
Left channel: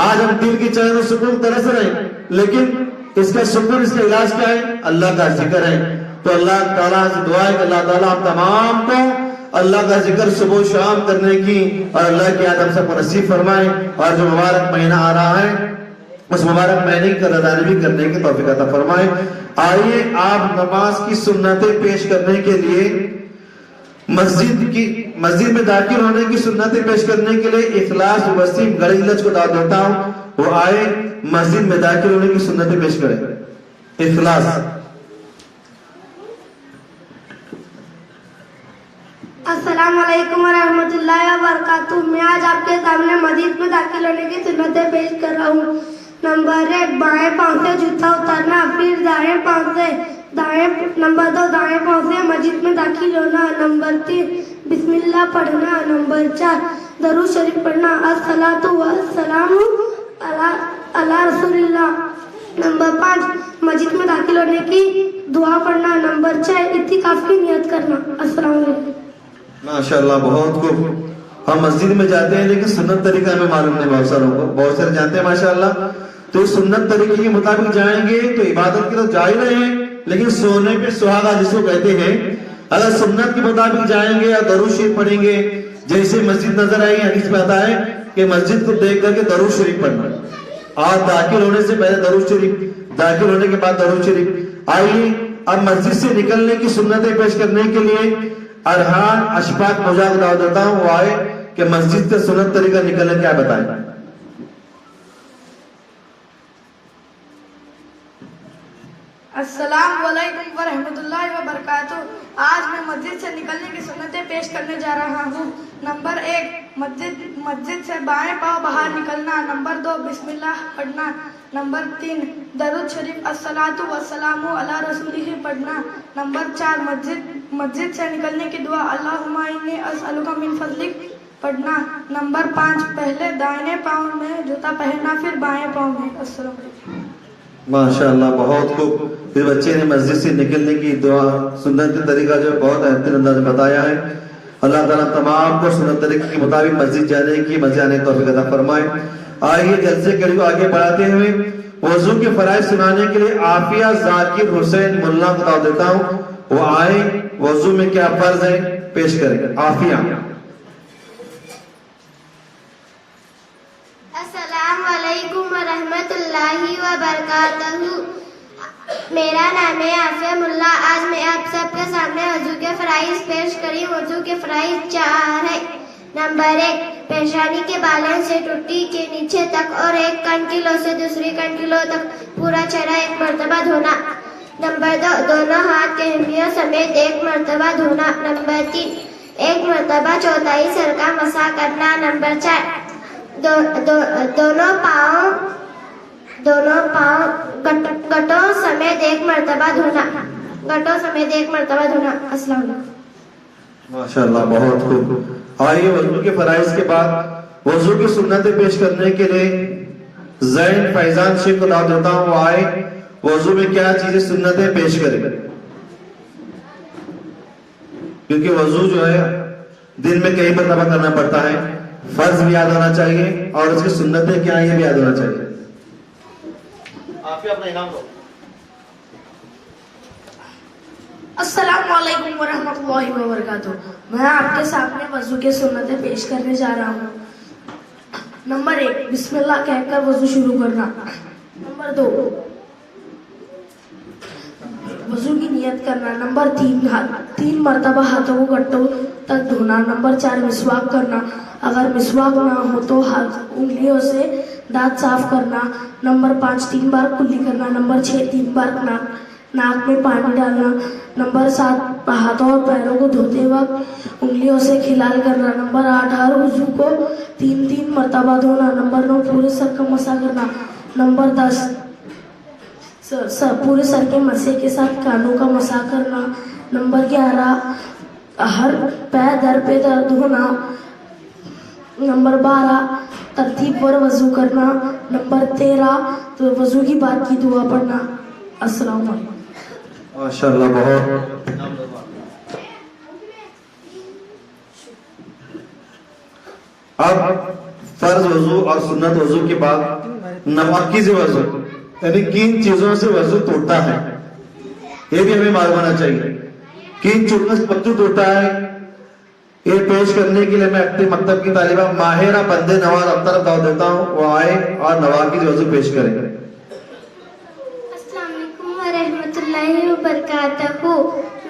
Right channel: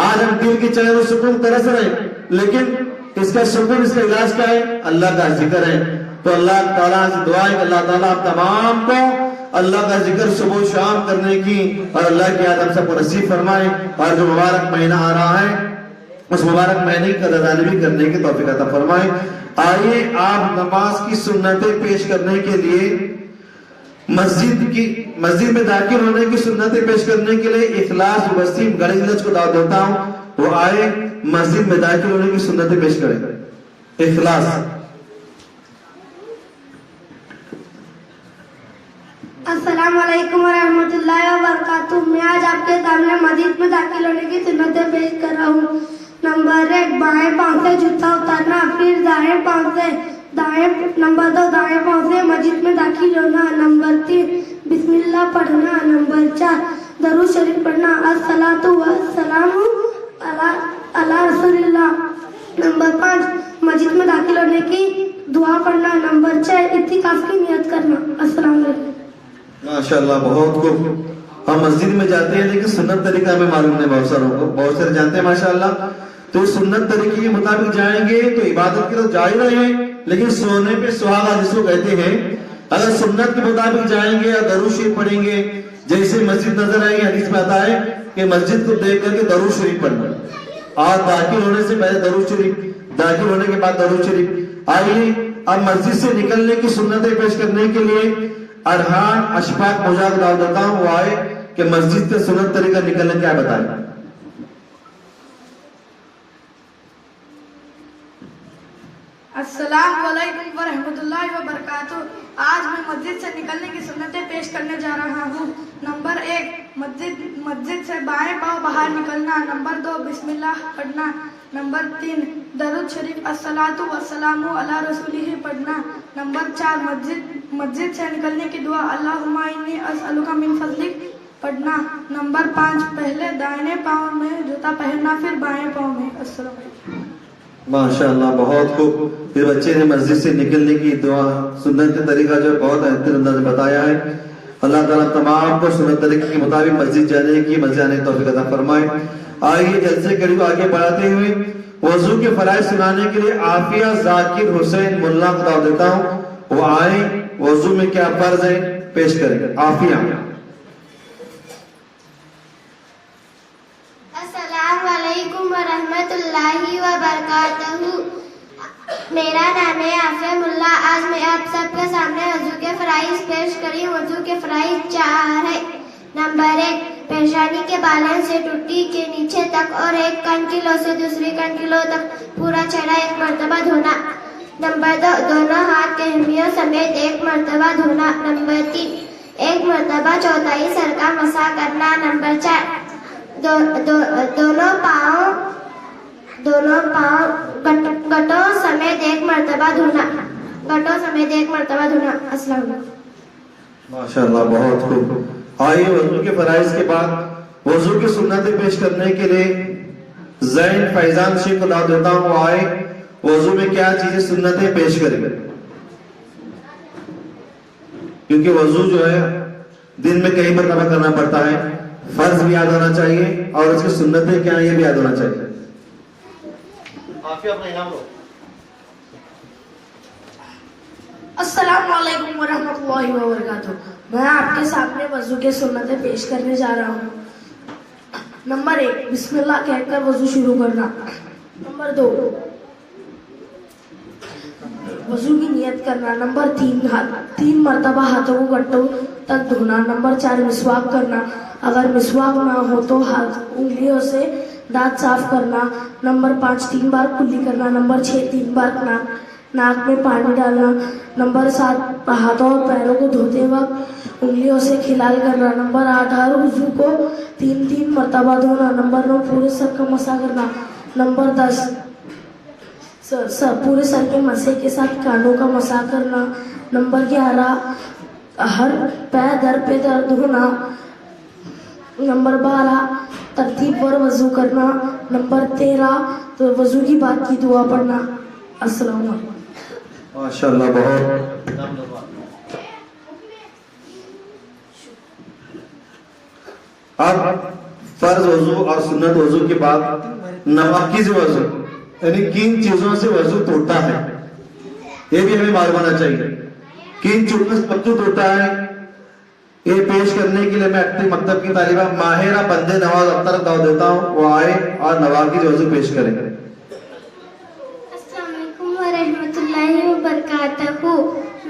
आज हम दिल की चैन और सुकून तरस रहे, लेकिन इसका सुकून, इसका इलाज क्या है? अल्लाह का जिक्र है। तो अल्लाह ताला से दुआ है कि अल्लाह ताला आप तमाम को अल्लाह का जिक्र सुबह शाम करने की और अल्लाह की याद हम सबको नसीब फरमाए। और जो मुबारक महीना आ रहा है उस मुबारक महीने की कदरदानी भी करने की तौफीक अता फरमाए। आइए आप नमाज की सुन्नतें पेश करने के लिए मस्जिद में दाखिल होने की सुन्नतें पेश करने के लिए इखलास वसीम गढ़ीलच को दावत देता हूँ, वो आए मस्जिद में दाखिल होने की सुन्नतें पेश करें। इखलास। अस्सलाम वालेकुम रहमतुल्लाहि व बरकातुहू। मैं आज आपके सामने मस्जिद में दाखिल होने की सुन्नतें पेश कर रहा हूँ। नंबर 1, बाएं पांव से जूता उतारना, फिर दाएं पांव से नंबर 2, दाएं पांव से मस्जिद में दाखिल होना। नंबर 3, बिस्मिल्लाह पढ़ना। नंबर 4, दरूद शरीफ पढ़ना, अस्सलातु वस्सलामु अला रसूलिल्लाह। नंबर 5, मस्जिद में दाखिल होने की दुआ पढ़ना। नंबर 6, इत्तिकाफ की नियत करना। अस्सलाम वालेकुम। माशाअल्लाह, बहुत खूब। हम मस्जिद में जाते हैं लेकिन सुन्नत तरीका हमें मालूम नहीं, बहुत सारों को, बहुत सारे जानते हैं माशाअल्लाह। तो सुन्नत तरीके के मुताबिक जाएंगे तो इबादत के तो जा ही रहे हैं, लेकिन सोने पे सुहागा जिसको कहते हैं, अगर सुन्नत के मुताबिक जाएंगे या दरूद शरीफ पढ़ेंगे, जैसे मस्जिद नजर आई हदीस में आता है कि मस्जिद को देख करके दरूद शरीफ पढ़ना, और दाखिल होने से पहले दरूद शरीफ, दाखिल होने के बाद दरूद शरीफ। आइए अब मस्जिद से निकलने की सुन्नतें पेश करने के लिए अरहान अशफाक मुझा को दावत देता हूँ, वो आए कि मस्जिद का सुन्नत तरीका निकलने क्या बताए। अस्सलाम वालेकुम व रहमतुल्लाहि व बरकातुहू। आज मैं मस्जिद से निकलने की सुन्नतें पेश करने जा रहा हूँ। नंबर 1, मस्जिद से बाएं पांव बाहर निकलना। नंबर 2, बिस्मिल्लाह पढ़ना। नंबर 3, दरूद शरीफ अस्सलातु वस्सलामु अला रसूलिही पढ़ना। नंबर 4, मस्जिद से निकलने की दुआ अल्लाहुम्मा इन्नी अस्अलुका मिन फज़लिक पढ़ना। नंबर 5, पहले दाहिने पांव में जूता पहनना, फिर बाएं पांव में। अस्सलाम वालेकुम। माशाअल्लाह, बहुत खूब। फिर बच्चे ने मस्जिद से निकलने की दुआ सुन्नत तरीका जो बहुत बेहतर अंदाज में बताया है। अल्लाह ताला तमाम को सुन्नत तरीके के मुताबिक मस्जिद जाने की, मस्जिद आने की तौफीक अता फरमाए। आइए जल्से करीब आगे बढ़ाते हुए वजू के फराइज सुनाने के लिए आफिया जाकिर हुसैन मुल्ला को दावत देता हूँ, वो आए वजू में क्या फर्ज है पेश करेंगे। आफिया। अस्सलाम वालेकुम व रहमतुल्लाहि व बरकातहू। मेरा नाम है आफिया मुल्ला। आज मैं आप सबके सामने वजू के फराइज पेश करी। वजू के फराइज 4 है। नंबर 1, पेशानी के बालों से टुट्टी के नीचे तक और एक कंटिलो से दूसरी कंटिलो तक पूरा चेहरा 1 मरतबा धोना। नंबर 2, दोनों हाथ के हिमियों समेत 1 मरतबा धोना। नंबर 3, 1 मरतबा चौथाई सर का मसा करना। नंबर 4, दोनों पाँव गटों समेत 1 मरतबा धोना। गटों समेत 1 मरतबा धोना। अस्सलाम वालेकुम। माशाअल्लाह, बहुत खूब। आइए वजू के फराइज के बाद वजू की सुन्नतें पेश करने के लिए जैन फैजान शेख को दावत देता हूँ, वो आए वजू में क्या चीजें सुन्नतें पेश करें, क्योंकि वजू जो है दिन में कई मरतबा करना पड़ता है। फर्ज भी याद होना चाहिए और उसकी सुन्नतें क्या है ये भी याद होना चाहिए। अस्सलाम वालेकुम वरहमतुल्लाहि वबरकातुह। मैं आपके सामने वजू की सुन्नतें पेश करने जा रहा हूँ। नंबर 1, बिस्मिल्लाह कहकर वजू शुरू करना। नंबर 2, वजू की नियत करना। नंबर 3 मरतबा हाथों को घंटों तक धोना। नंबर 4, मिसवाक करना। अगर मिसवाक ना हो तो उंगलियों से दांत साफ करना। नंबर 5, 3 बार कुल्ली करना। नंबर 6, 3 बार नाक में पानी डालना। नंबर 7, हाथों और पैरों को धोते वक्त उंगलियों से खिलाल करना। नंबर 8, हर वजू को 3 मरतबा धोना। नंबर 9, पूरे सर का मसा करना। नंबर 10, पूरे सर के मसे के साथ कानों का मसा करना। नंबर 11, हर पैर दर पे दर धोना। नंबर 12, तरतीब पर वजू करना। नंबर 13, तो वजू की बात की दुआ पढ़ना। अस्सलाम वालेकुम। माशाल्लाह बहुत। अब फर्ज वजू और सुन्नत वजू के बाद नवाकिज वजू यानी किन चीजों से वजू टूटता है ये भी हमें मालूम होना चाहिए। किन चीजों से वजू टूटता है ये पेश करने के लिए मैं अपने मकतब की तालिबा माहिरा बंदे नवाज अख्तर दाव देता हूँ, वो आए और नवाकिज वजू पेश करेंगे। अस्सलामुअलैकुम वरहमतुल्लाहि वबरकातुहू।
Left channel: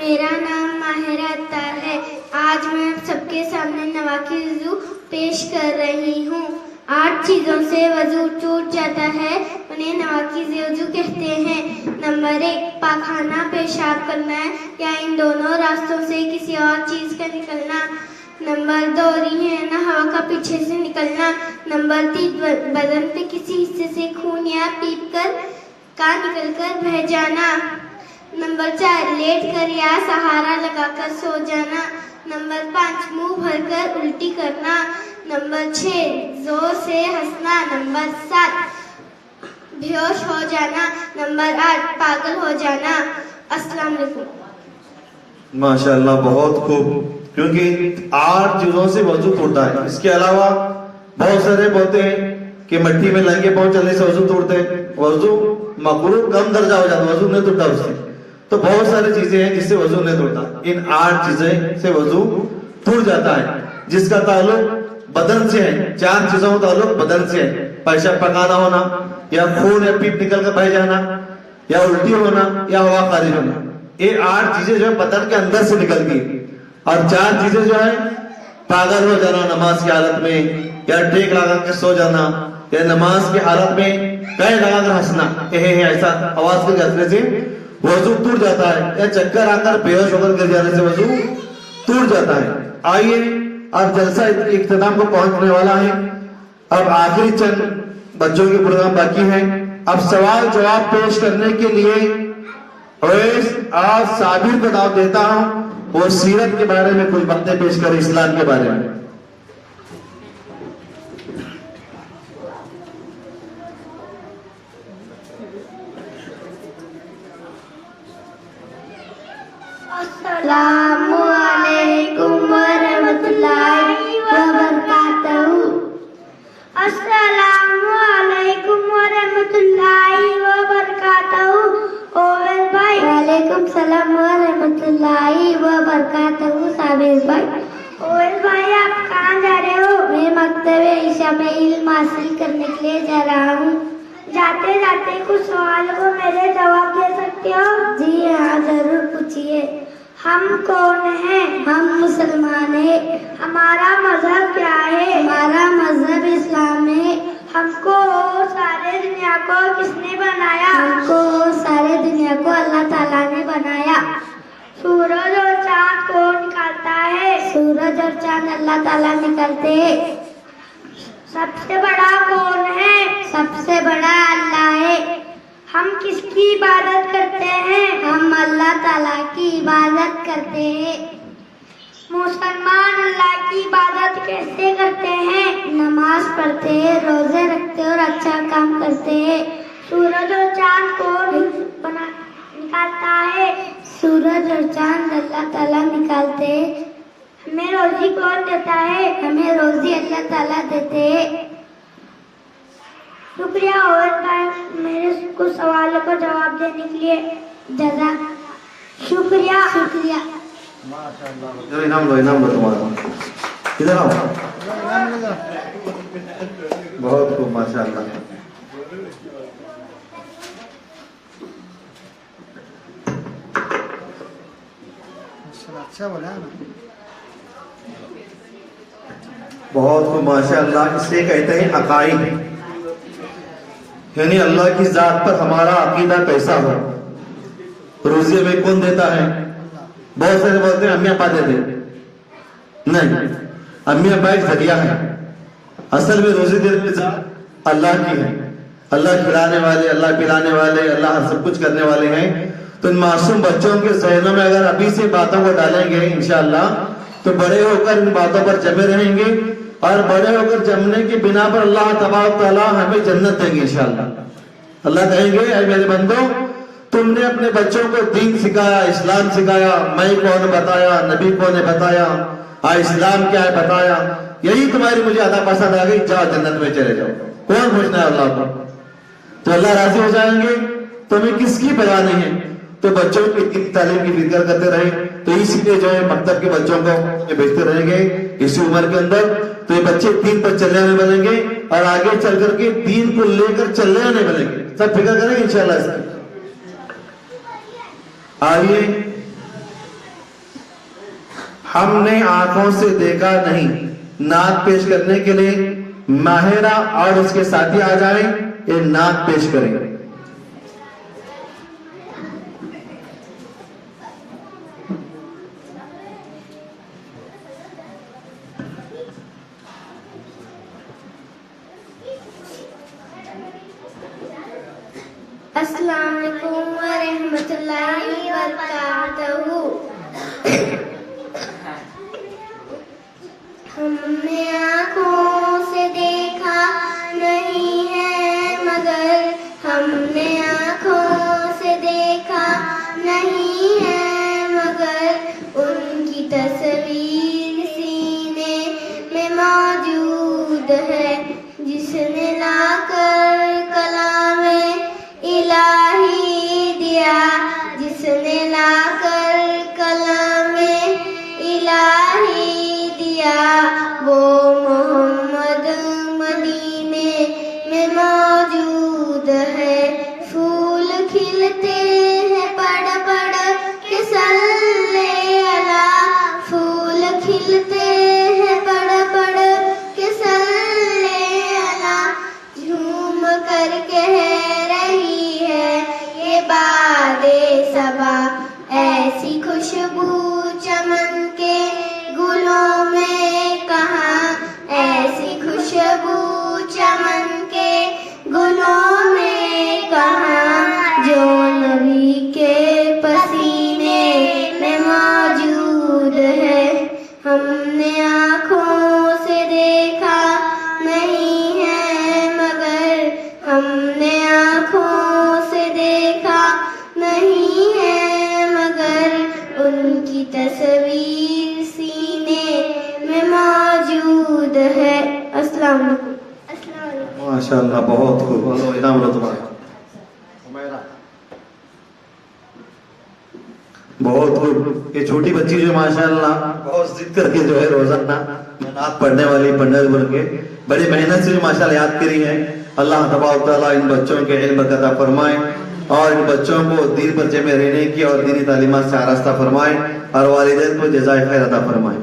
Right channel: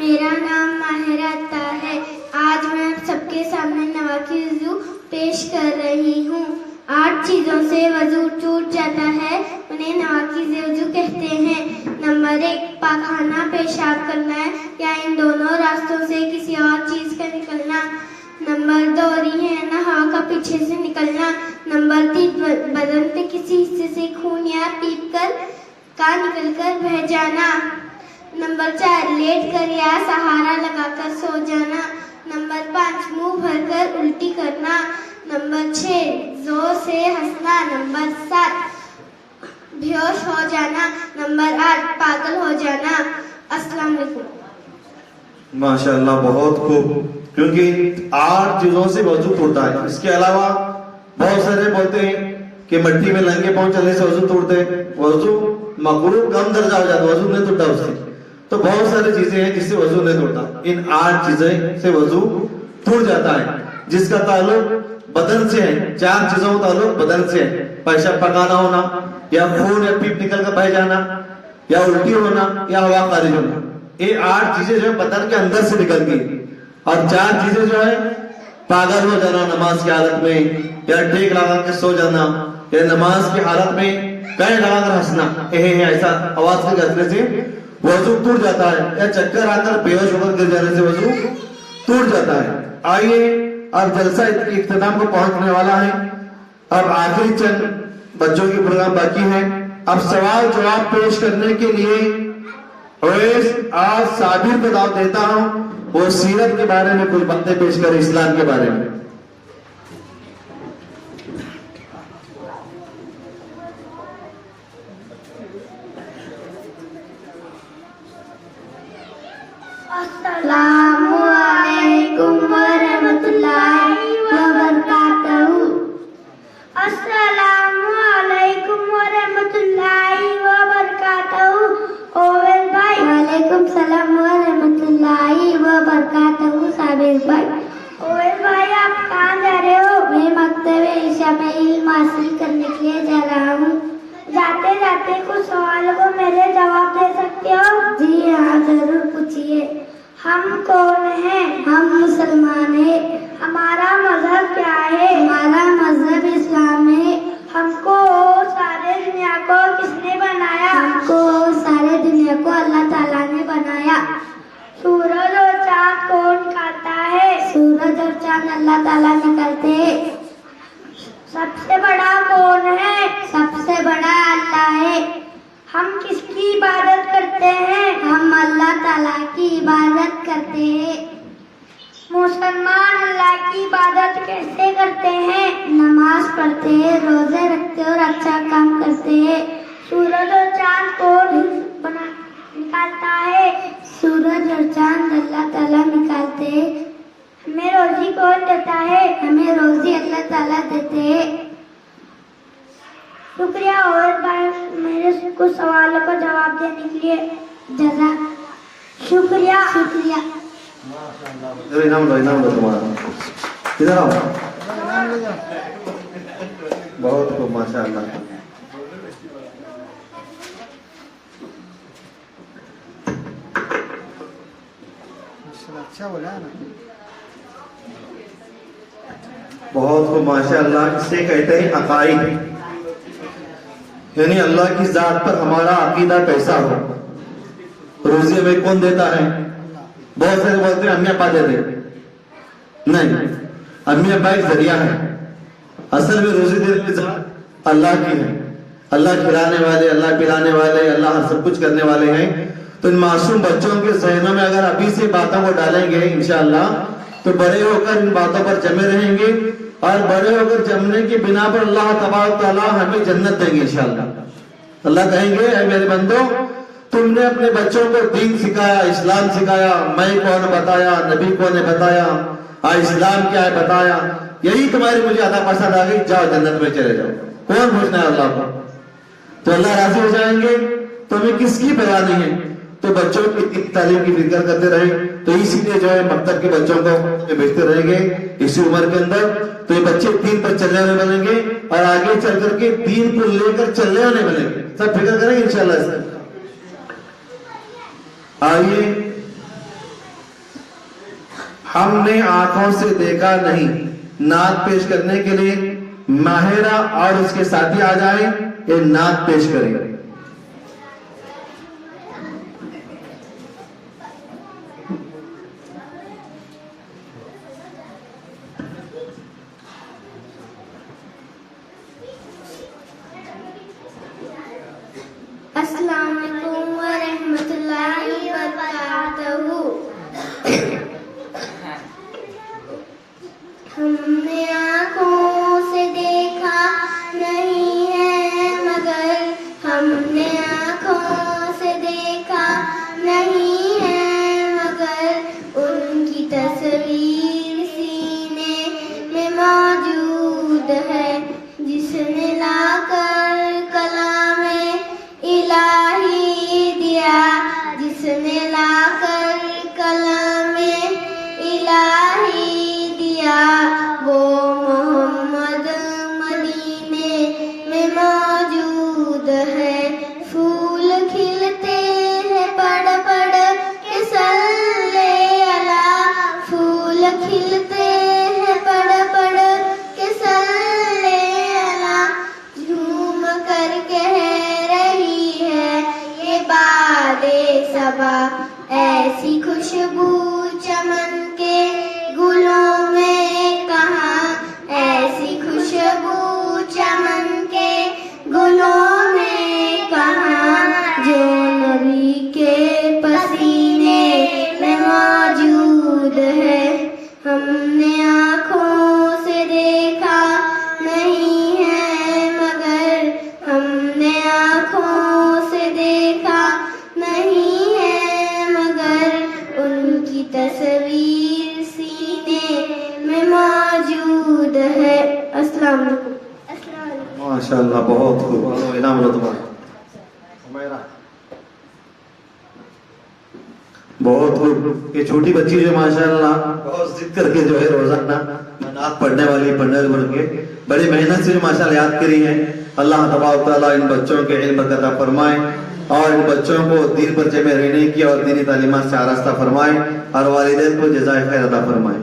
मेरा नाम माहिरा अत्तार है। आज मैं आप सबके सामने नवाकिज वजू पेश कर रही हूँ। 8 चीजों से वजू टूट जाता है, उन्हें नवाकिज वजू कहते हैं। नंबर 1, पाखाना पेशाब करना है या इन दोनों रास्तों से किसी और चीज का निकलना। नंबर 2, रिहना हवा का पीछे से निकलना। नंबर 3, बदन के किसी हिस्से से खून या पीप कर का निकलकर बह जाना। नंबर 4, लेट कर या सहारा लगाकर सो जाना। नंबर 5, मुंह भरकर उल्टी करना। नंबर 6, जोर से हंसना। नंबर 7, बेहोश हो जाना। नंबर 8, पागल हो जाना। अस्सलाम वालेकुम। माशाल्लाह बहुत खूब। क्योंकि 8 चीजों से वजू टूटता है। इसके अलावा बहुत सारे बोलते हैं कि मिट्टी में लंगे पांव चलने से वजू टूटते हैं। वजू मकरूह कम दर्जा हो जाता है, वजू नहीं टूटता उससे। तो बहुत सारी चीजें हैं जिससे वजू नहीं टूटता। इन 8 चीजें से वजू टूट जाता है जिसका ताल्लुक बदन से है। 4 चीजों का ताल्लुक बदन से है। पेशाब पकाना होना या खून या पीप निकल कर बह जाना या उल्टी होना या हवा खारिज होना, ये 8 चीजें जो है बदन के अंदर से निकलती है। और 4 चीजें जो है पागल हो जाना नमाज की हालत में, या टेक लगा के सो जाना, या नमाज की हालत में कहीं लगा कर हंसना, ऐसा आवाज के झटके से वजू टूट जाता है। या चक्कर आकर बेहोश होकर गिर जाने से वजू टूट जाता है। आइए अब जलसा इख्तिताम को पहुंचने वाला है। अब आखिरी चंद बच्चों के प्रोग्राम बाकी हैं। अब सवाल जवाब पेश करने के लिए आज साबिर को दावत देता हूं, वो सीरत के बारे में कुछ बातें पेश करें, इस्लाम के बारे में। अस्सलामु अलैकुम वरहमतुल्लाहि वबरकातुहू। अस्सलामु अलैकुम वरहमतुल्लाहि वबरकातुहू। ओवेल भाई। वालेकुम सलाम वरहमतुल्लाहि वबरकातुहू। साबिर भाई। ओवेल भाई आप कहाँ जा रहे हो? मैं मकतबे ईशा में इल्म हासिल करने के लिए जा रहा हूँ। जाते जाते कुछ सवालों को मेरे जवाब दे सकते हो? जी हाँ जरूर पूछिए। हम कौन हैं? हम मुसलमान हैं। हमारा मजहब क्या है? हमारा मजहब इस्लाम है। हमको सारे दुनिया को किसने बनाया? हमको सारे दुनिया को अल्लाह ताला ने बनाया। सूरज और चांद कौन निकालता है? सूरज और चांद अल्लाह ताला निकालते हैं। सबसे बड़ा कौन है? सबसे बड़ा अल्लाह है। हम किसकी इबादत करते हैं? हम अल्लाह ताला की इबादत करते हैं। मुसलमान अल्लाह की इबादत कैसे करते हैं? नमाज पढ़ते हैं, रोजे रखते हैं और अच्छा काम करते हैं। सूरज और चांद कौन निकालता है? सूरज और चांद अल्लाह ताला निकालते हैं। हमें रोजी कौन देता है? हमें रोजी अल्लाह ताला देते हैं। शुक्रिया और मेरे कुछ सवालों को जवाब देने के लिए। शुक्रिया शुक्रिया। इनाम लो तुम्हारा, इधर आओ। बहुत खूब माशाअल्लाह। अच्छा बोला ना। बहुत खूब माशाअल्लाह। इसे कहते हैं अकाईद, यानी अल्लाह की जात पर हमारा अकीदा कैसा हो। रोजी हमें कौन देता है? बहुत सारे बोलते हैं अम्मी अब्बा दे दे, नहीं, अम्मी अब्बा एक जरिया है। असल में रोजी देने की जात अल्लाह की है। अल्लाह खिलाने वाले, अल्लाह पिलाने वाले, अल्लाह सब कुछ करने वाले हैं। तो इन मासूम बच्चों के ज़हनों में अगर अभी से बातों को डालेंगे इंशाअल्लाह, तो बड़े होकर इन बातों पर जमे रहेंगे और बड़े होकर जमने की बिना पर अल्लाह तबारक तआला हमें जन्नत देंगे इंशाअल्लाह। अल्लाह कहेंगे, ऐ मेरे बंदो, तुमने अपने बच्चों को दीन सिखाया, इस्लाम सिखाया, मैं कौन बताया, नबी कौन ने बताया, इस्लाम क्या है बताया, यही तुम्हारी मुझे अदा पसंद आ गई, जाओ जन्नत में चले जाओ। कौन पूछना है अल्लाह को? तो अल्लाह राजी हो जाएंगे, तुम्हें किसकी परवाह नहीं है। तो बच्चों की तालीम की फिक्र करते रहे, तो इसलिए जो है मकतब के बच्चों को भेजते रहेंगे इसी उम्र के अंदर, तो ये बच्चे दीन पर चलने वाले बनेंगे और आगे चल करके दीन को लेकर चलने वाले बनेंगे। सब फिक्र करेंगे इंशाअल्लाह इसकी। आइए, हमने आंखों से देखा नहीं, नात पेश करने के लिए माहिरा और उसके साथी आ जाएं, ये नात पेश करेंगे। अस्सलाम वालेकुम व रहमतुल्लाहि व बरकातहू। हमने आँखों से देखा नहीं है मगर, हमने आँखों से देखा नहीं है मगर, उनकी तस्वीर सीने में मौजूद है। जिसने लाकर कलामे इलाही दिया, जिसने लाकर कलामे इलाही दिया, वो मोहम्मद मदीने में मौजूद है। फूल खिलते हैं पड़ पड़ के सल्ले अला, फूल खिलते हैं पड़ पड़ के सल्ले अला, झूम कर कह रही है ये बादे सबा, ऐसी खुशबू चमन के गुलों में कहाँ, ऐसी खुशबू चमन के गुलों में कहाँ, जो नबी के पसीने में मौजूद है। हमने आँखों से देखा नहीं है मगर, हमने आँखों से देखा नहीं है मगर, उनकी तस्वीर सीने में मौजूद है। अस्सलाम वालेकुम। माशाअल्लाह, बहुत खूब। इनाम लो तुम्हारा। बहुत खूब। ये छोटी बच्ची जो माशाअल्लाह बहुत जिद करके जो है रोजाना नात पढ़ने वाली पढ़ने के बड़ी मेहनत से माशाअल्लाह याद करी है। अल्लाह तबारक तआला इन बच्चों के इल्म अता फरमाए और इन बच्चों को दीन पर जमे रहने की और दीनी तालीमात से आरास्ता फरमाए और वालिदैन को जज़ाए खैर अता फरमाए।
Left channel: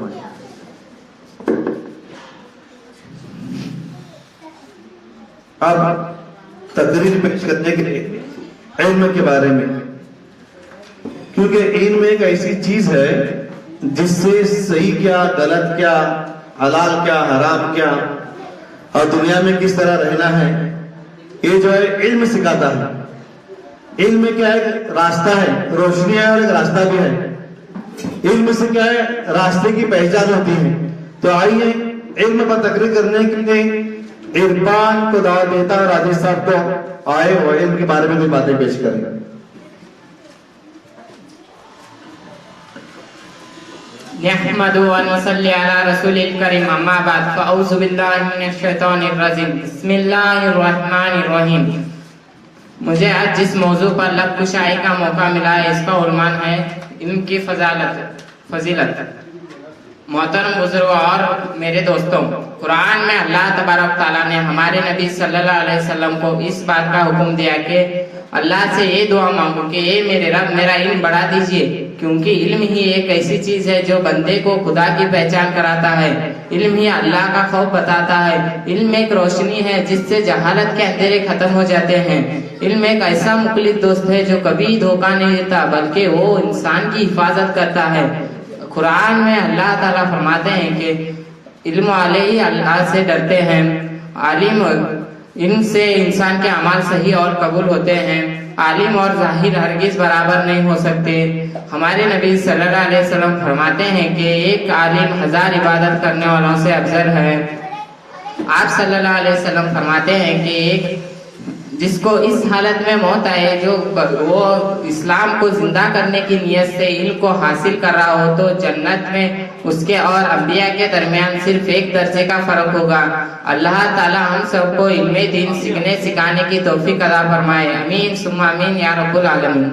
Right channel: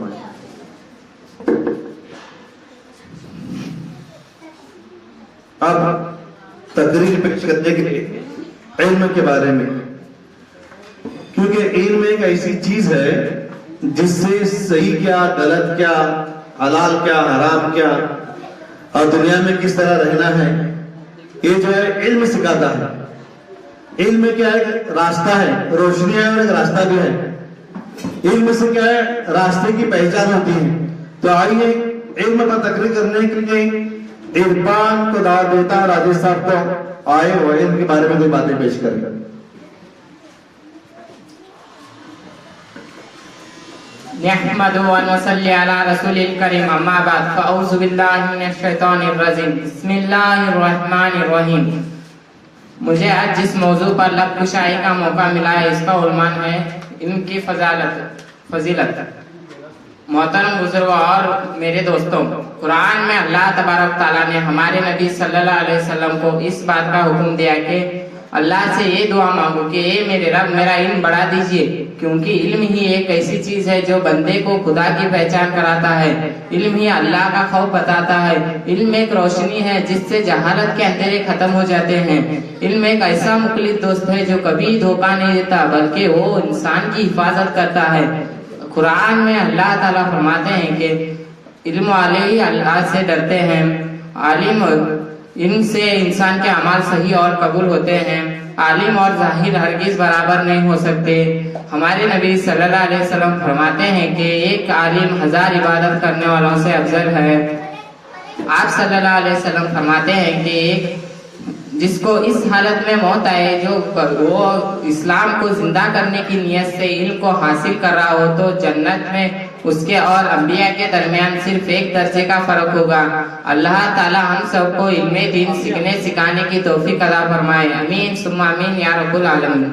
अब तकरीर पेश करने के लिए इल्म के बारे में, क्योंकि इल्म एक ऐसी चीज है जिससे सही क्या, गलत क्या, हलाल क्या, हराम क्या और दुनिया में किस तरह रहना है, ये जो है इल्म सिखाता है। इल्म क्या है? रास्ता है, रोशनी है और एक रास्ता भी है। इल्म से क्या है? रास्ते की पहचान होती है। तो आइए इल्म पर तकरीर करने के लिए इरफान को दावत देता हूं, राजेश साहब को आए और इल्म के बारे में कोई बातें पेश करें। नहमदु व नसल्ली अला रसूलिल करीम, अम्मा बाद, फअऊज़ु बिल्लाहि मिनश शैतानिर रजीम, बिस्मिल्लाहिर रहमानिर रहीम। मुझे आज जिस मौजू पर लब कुशाई का मौका मिला है इसका उन्वान है علم کی فضیلت محترم بزرگوں اور میرے دوستوں، قرآن میں اللہ تبارک تعالیٰ نے ہمارے نبی صلی اللہ علیہ وسلم کو اس بات کا حکم دیا کہ اللہ سے یہ دعا مانگو کہ اے میرے رب میرا علم بڑھا دیجئے، کیونکہ علم ہی ایک ایسی چیز ہے جو بندے کو خدا کی پہچان کراتا ہے، علم ہی اللہ کا خوف بتاتا ہے، علم ایک روشنی ہے جس سے جہالت کے اندھیرے ختم ہو جاتے ہیں، علم ایک ایسا مخلص دوست ہے جو کبھی دھوکہ نہیں دیتا بلکہ وہ انسان کی حفاظت کرتا ہے۔ قرآن میں اللہ تعالیٰ فرماتے ہیں کہ علم والے ہی اللہ سے ڈرتے ہیں، علم سے انسان کے اعمال صحیح اور قبول ہوتے ہیں، عالم اور ظاہر ہرگز برابر نہیں ہو سکتے۔ ہمارے نبی صلی اللہ علیہ وسلم فرماتے ہیں کہ ایک عالم 1000 عبادت کرنے والوں سے افضل ہے۔ آپ صلی اللہ علیہ وسلم فرماتے ہیں کہ ایک جس کو اس حالت میں موت آئے جو وہ اسلام کو زندہ کرنے کی نیت سے علم کو حاصل کر رہا ہو تو جنت میں اس کے اور انبیاء کے درمیان صرف ایک درجے کا فرق ہوگا۔ اللہ تعالی ہم سب کو علم دین سیکھنے سکھانے کی توفیق عطا فرمائے، امین ثم امین یا رب العالمین۔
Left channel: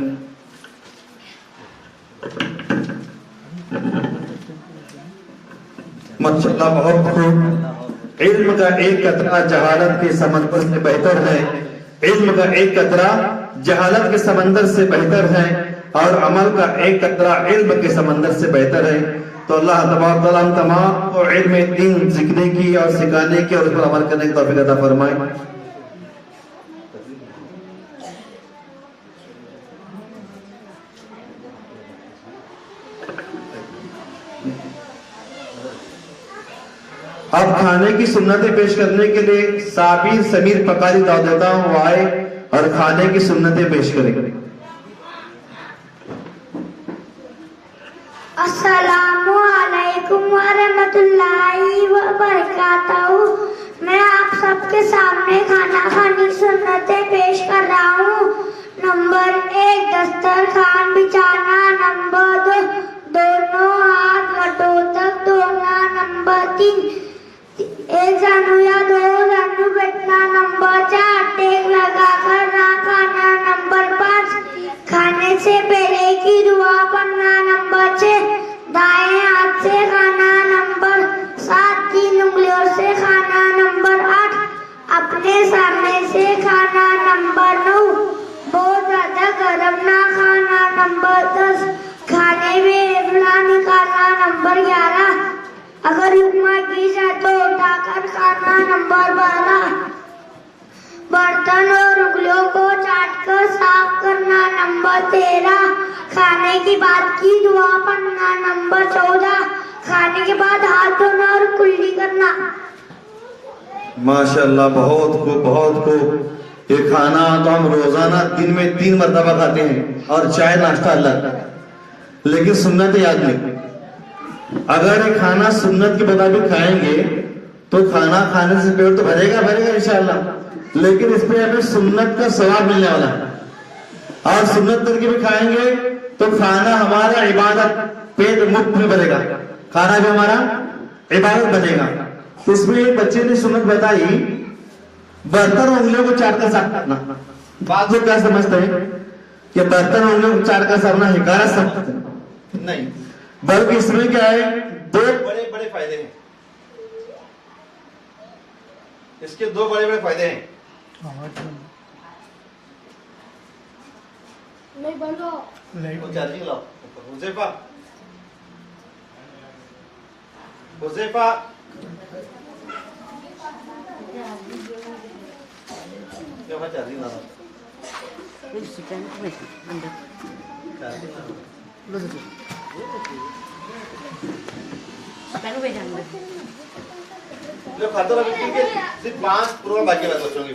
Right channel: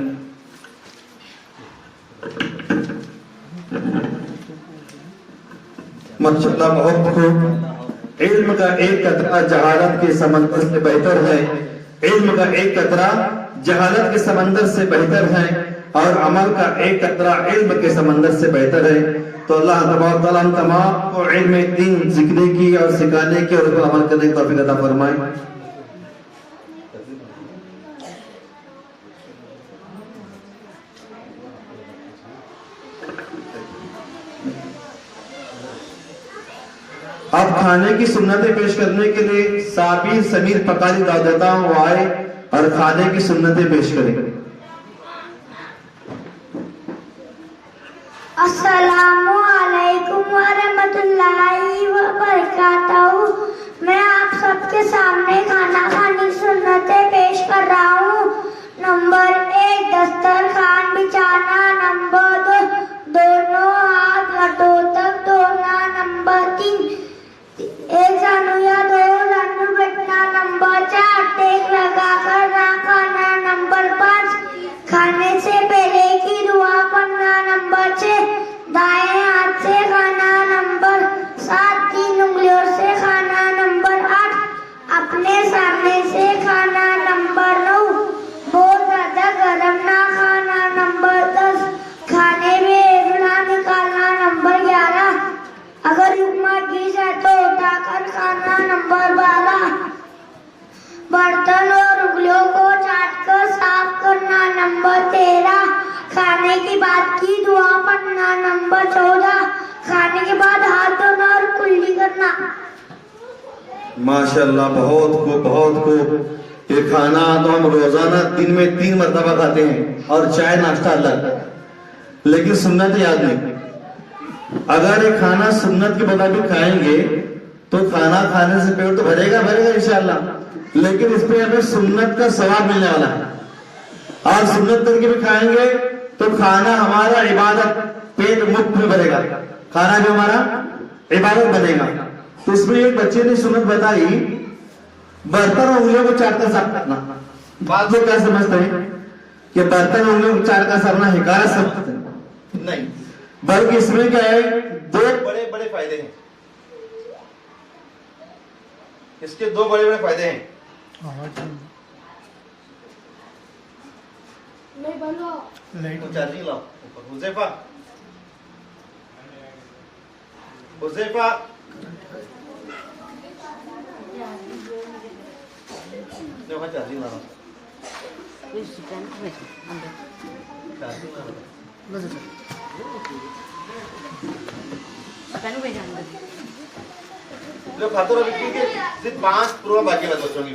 ماشاءاللہ بہت خوب۔ علم کا ایک قطرہ جہالت کے سمندر سے بہتر ہے، علم کا ایک قطرہ جہالت کے سمندر سے بہتر ہے، اور عمل کا ایک قطرہ علم کے سمندر سے بہتر ہے۔ تو اللہ تبارک تعالیٰ ہم تمام کو علم دین سیکھنے کی اور سکھانے کی اور اس پر عمل کرنے کی توفیق عطا فرمائے۔ اب کھانے کی سنتیں پیش کرنے کے لیے صابر سمیر پکاری دعوت دیتا ہوں، وہ آئے اور کھانے کی سنتیں پیش کریں۔ السلام علیکم ورحمۃ اللہ وبرکاتہ۔ میں آپ سب کے سامنے کھانا کھانے کی سنتیں پیش کر رہا ہوں۔ نمبر 1 دسترخوان بچھانا، نمبر 2 دونوں ہاتھ گھٹوں تک دھونا، نمبر 3 ایک زانو یا 2 زانو بیٹھنا، نمبر 4 ٹیک لگا کر نہ کھانا، نمبر 5 کھانے سے پہلے کی دعا پڑھنا، نمبر 6 دائیں ہاتھ سے کھانا، نمبر 7 3 انگلیوں سے کھانا، نمبر 8 اپنے سامنے سے کھانا، نمبر 9 بہت زیادہ گرم نہ کھانا، نمبر 10 کھانے میں ایبلا نکالنا، نمبر 11 اگر اپما کی جائے تو اٹھا کر کھانا، نمبر 12 برتن اور انگلیوں کو چاٹ کر صاف کرنا، نمبر 13 کھانے کے بعد کی دعا پڑھنا، نمبر 14 کھانے کے بعد ہاتھ دھونا اور کلی کرنا۔ ماشاءاللہ بہت خوب بہت خوب۔ یہ کھانا تو ہم روزانہ دن میں 3 مرتبہ کھاتے ہیں اور چائے ناشتہ الگ، لیکن سنت یاد نہیں۔ اگر یہ کھانا سنت کے مطابق کھائیں گے تو کھانا کھانے سے پیٹ تو بھرے گا انشاءاللہ، لیکن اس پہ ہمیں سنت کا ثواب ملنے والا ہے، اور سنت کر کے بھی کھائیں گے تو کھانا ہمارا عبادت، پیٹ مفت میں بنے گا، کھانا بھی ہمارا عبادت بنے گا۔ تو اس میں ایک بچے نے سنت بتائی، برتن انگلیوں کو چاٹ کر صاف کرنا۔ بعض لوگ کیا سمجھتے ہیں کہ برتن انگلیوں کو چاٹ کر صافنا حکایت سمجھتے ہیں، نہیں، بلکہ اس میں کیا ہے 2 بڑے بڑے فائدے ہیں، اس کے 2 بڑے بڑے فائدے ہیں۔ چارجنگ لاؤ حذیفہ چارجنگ لانا، جو کھاتو رہا ہے صرف 5 پروہ باقی لگا بچوں کی